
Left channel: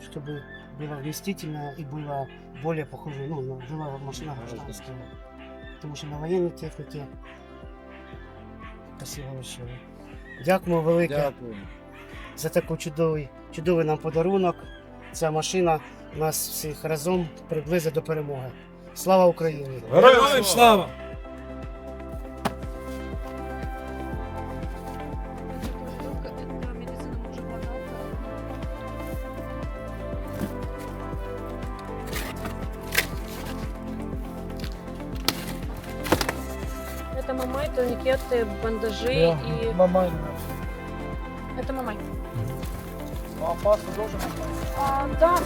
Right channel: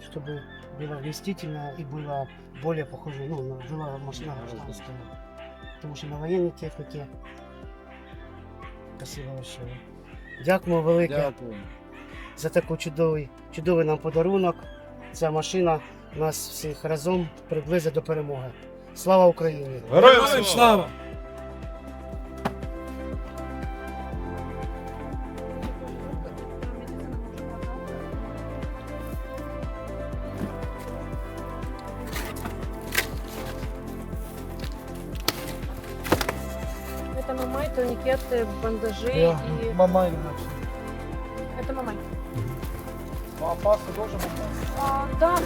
чтобы было вместительно и было более похоже, была машина гражданская. Потому что на военной технике. Спасибо большое. Дякуємо велике за такий чудовий нам подарунок. Ця машина нас всіх разом приблизить до перемоги. Слава Україні! Героям слава! Это мамай, турникеты, бандажи и... Мамай. Это мамай. А паста тоже мамай? Да.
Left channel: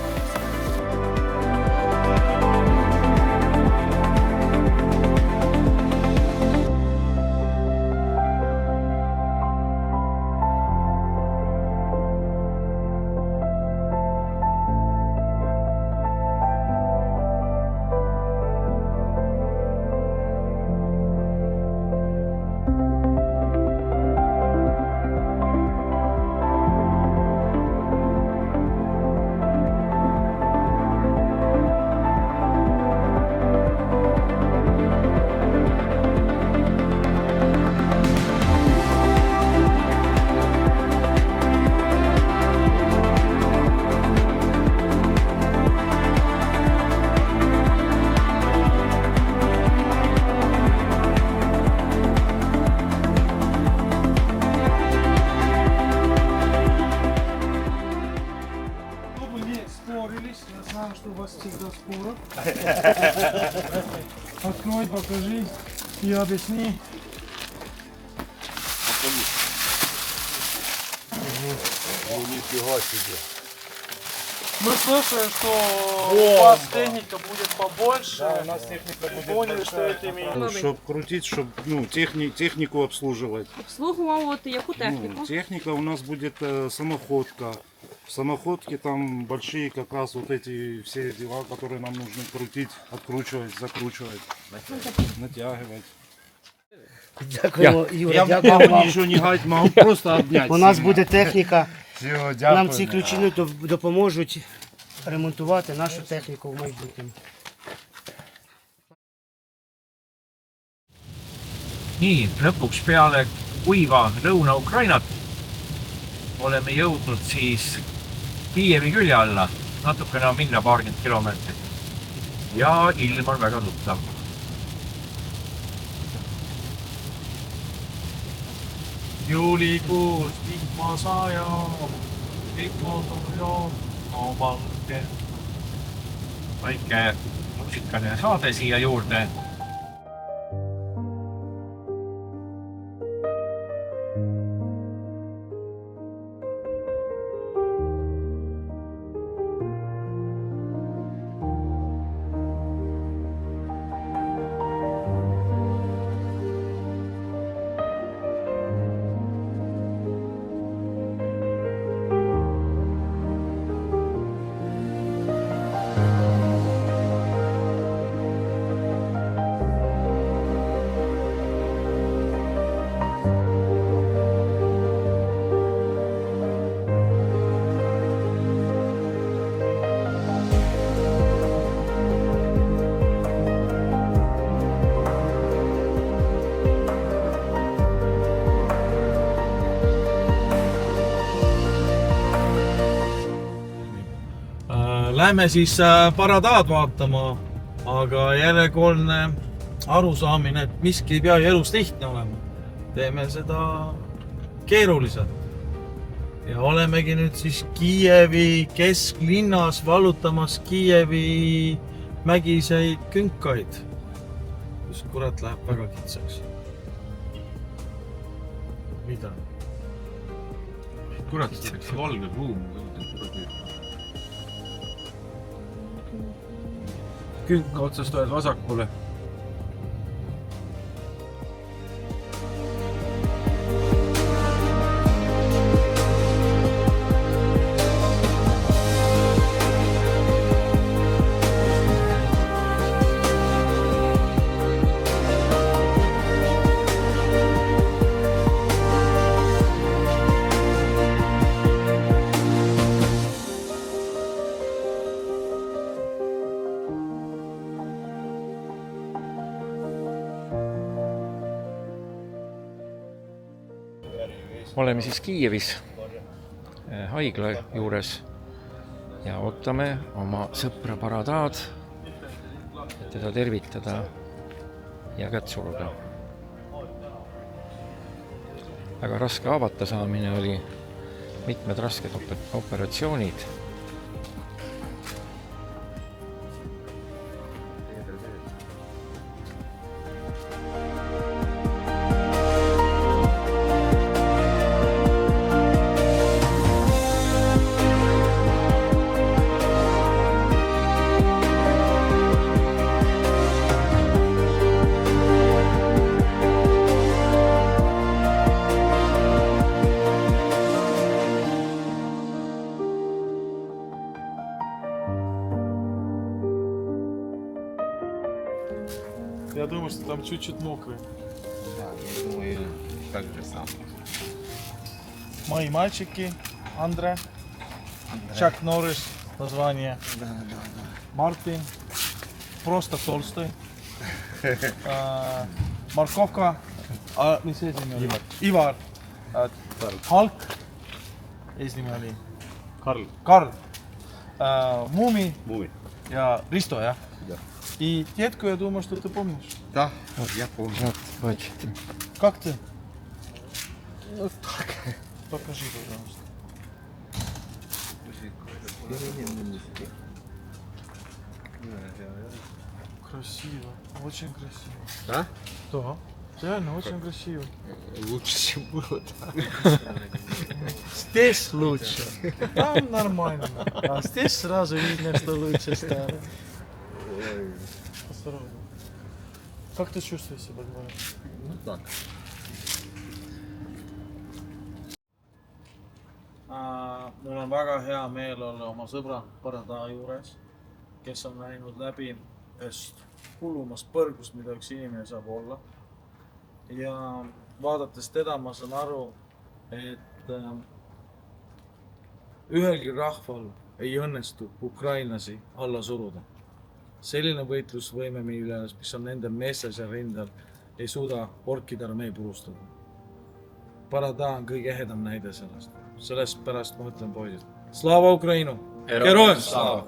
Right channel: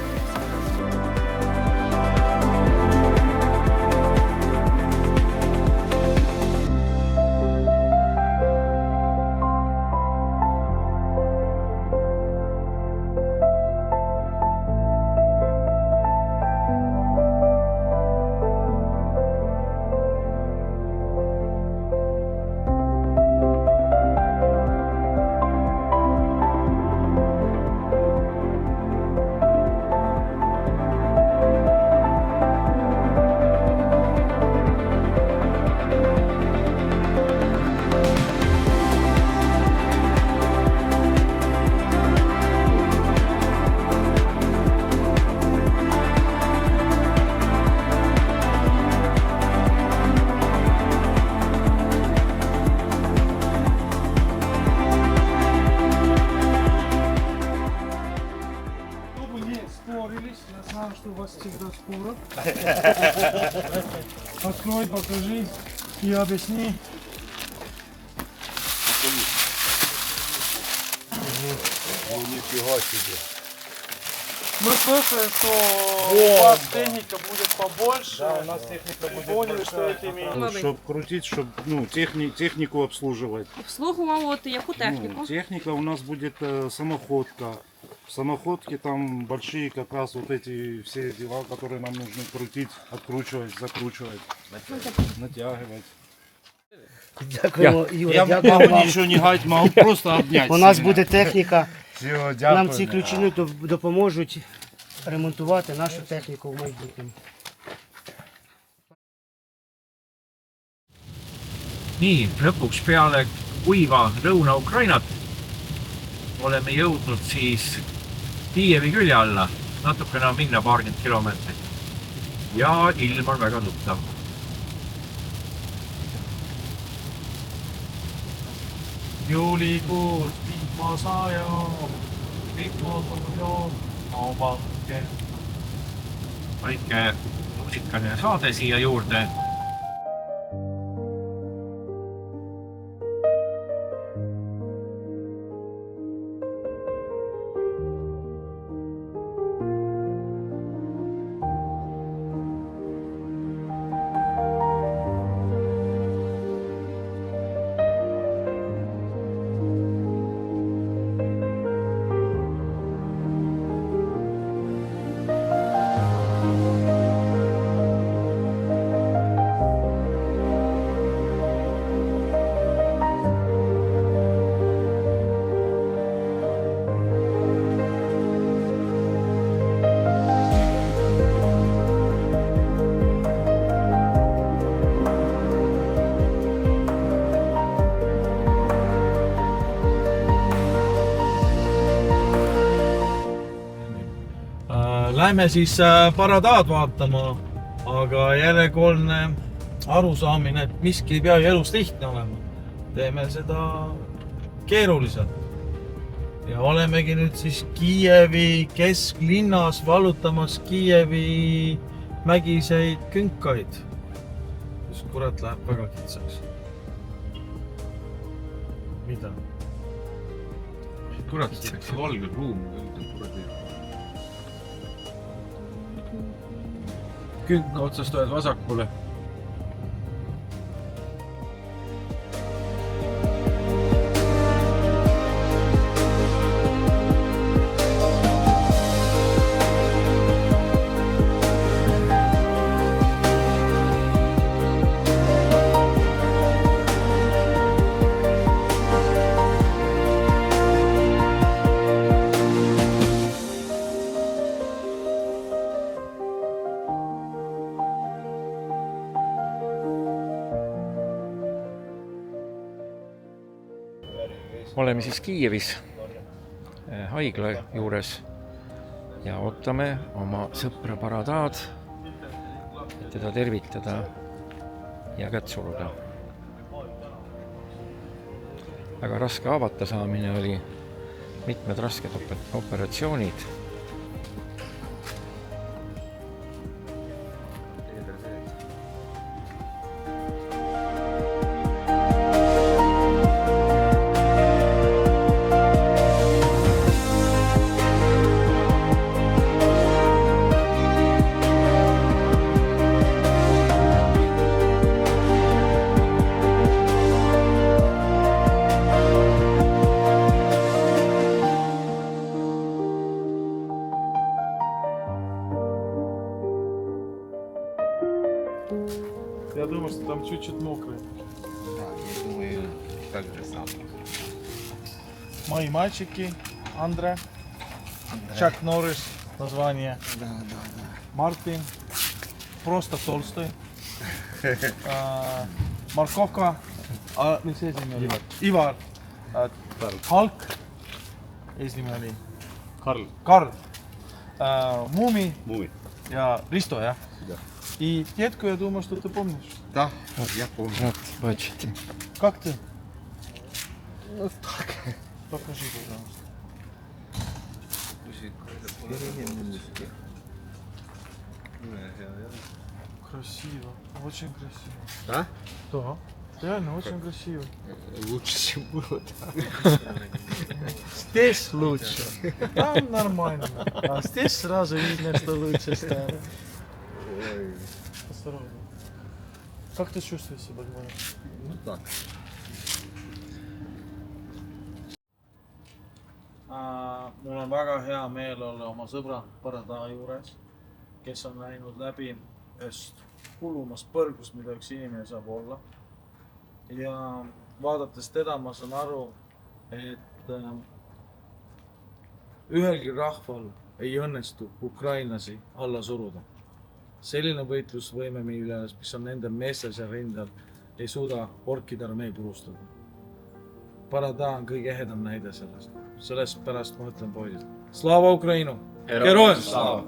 Я знаю, что у вас всегда споры. Открой, покажи и объясни. Мы слышали, что у вас техника будет побольше. Да, у нас техника будет поняли, что это имеет. Чтобы крутить, чтобы технику обслуживать. Обслуговувати яку техніку? Техника у нас будет самоходка. В самоходке там большие как раз вот эти все дела, которые нам нужно крутить, откручивать, закручивать, натягивать. Дякуємо, Юра, Я дякуємо могу вам. ничего не гать, могу просто обнять. У нас буде техніка. Все, Нам ці ключі допоможуть ремонтувати нашу техніку в майбутньому. Nii, lõpuks peale kuiva Lõuna-Ukrainat oleme jõudnud siis Kiievi külje alla natukene on minna paarkümmend kilomeetrit. Ja ilm on väga tuttav. Juulikuus vihma sajab, Väike muusikaline saade siia juurde. Lähme siis paradaad vaatama, aga järjekordne arusaamine, et miski ei pea elus lihtne olema. Teeme seda keeruliselt. Ja olemegi nüüd siis Kiievi kesklinnas valutamas Kiievi mägiseid künkaid, kus kurat läheb väga kitsaks. Mida? Kurat, see valge ruum on kuradi. Künka otsast oled vasakule. Oleme siis Kiievis haigla juures ja ootame oma sõpra Paradaad, et teda tervitada ja kätt suruda. Väga raske haavata saamine oli, mitmed rasked operatsioonid. Я думаю, что там чуть-чуть мокрый. Да, я думаю, так же самое. Мои мальчики, Андре, Чак Норрис, название. Да. Мартин, просто Толстой. Морковка, mis eesnimi oli? Ivar. Hulk, eesnimi oli? Karl. Муми ja Risto, jah? И детку, я думаю, что ты помнишь. Да, я помню. Бачите. Как ты? Ну так. Покажи, пожалуйста. Красиво, очень красиво. Да? Да, реально очень красиво. Лучше, чем было, да. Здесь лучше. Там нормально. А здесь сразу видно, что лучше стало. Осторожно. Как ты чувствуешь себя, говоря? Ну так. Mul on väga hea meel olla oma sõbra Paradaa juures, kes on läinud läbi ühest hullumast põrgust, mida üks inimene saab olla. Ja vaadates teda ma saan aru, et ühelgi rahval ei õnnestu ukrainlasi alla suruda. Selline võitlusvõime, mis on nende meestel seal rindel, ei suuda orkide armee purustada. Paradaa on kõige ehedam näide sellest. Sellest pärast ma ütlen poisid. Slava Ukrainu! Героям слава!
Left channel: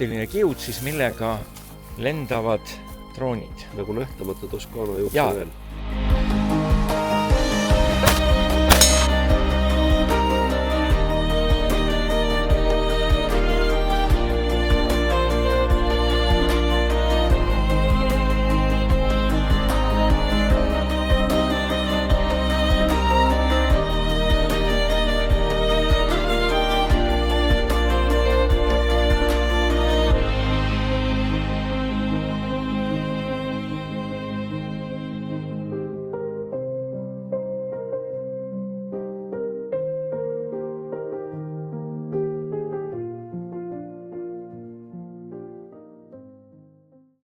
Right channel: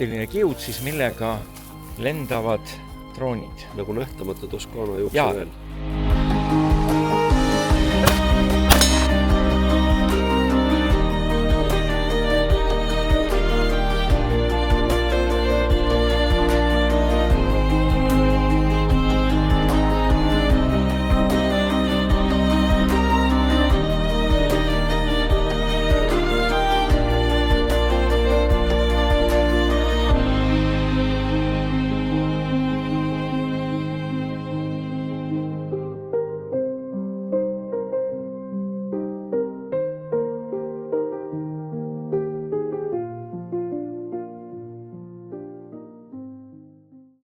optiline kiud siis, millega lendavad droonid. nagu nähtamatu Toskaana juht Jaa. veel.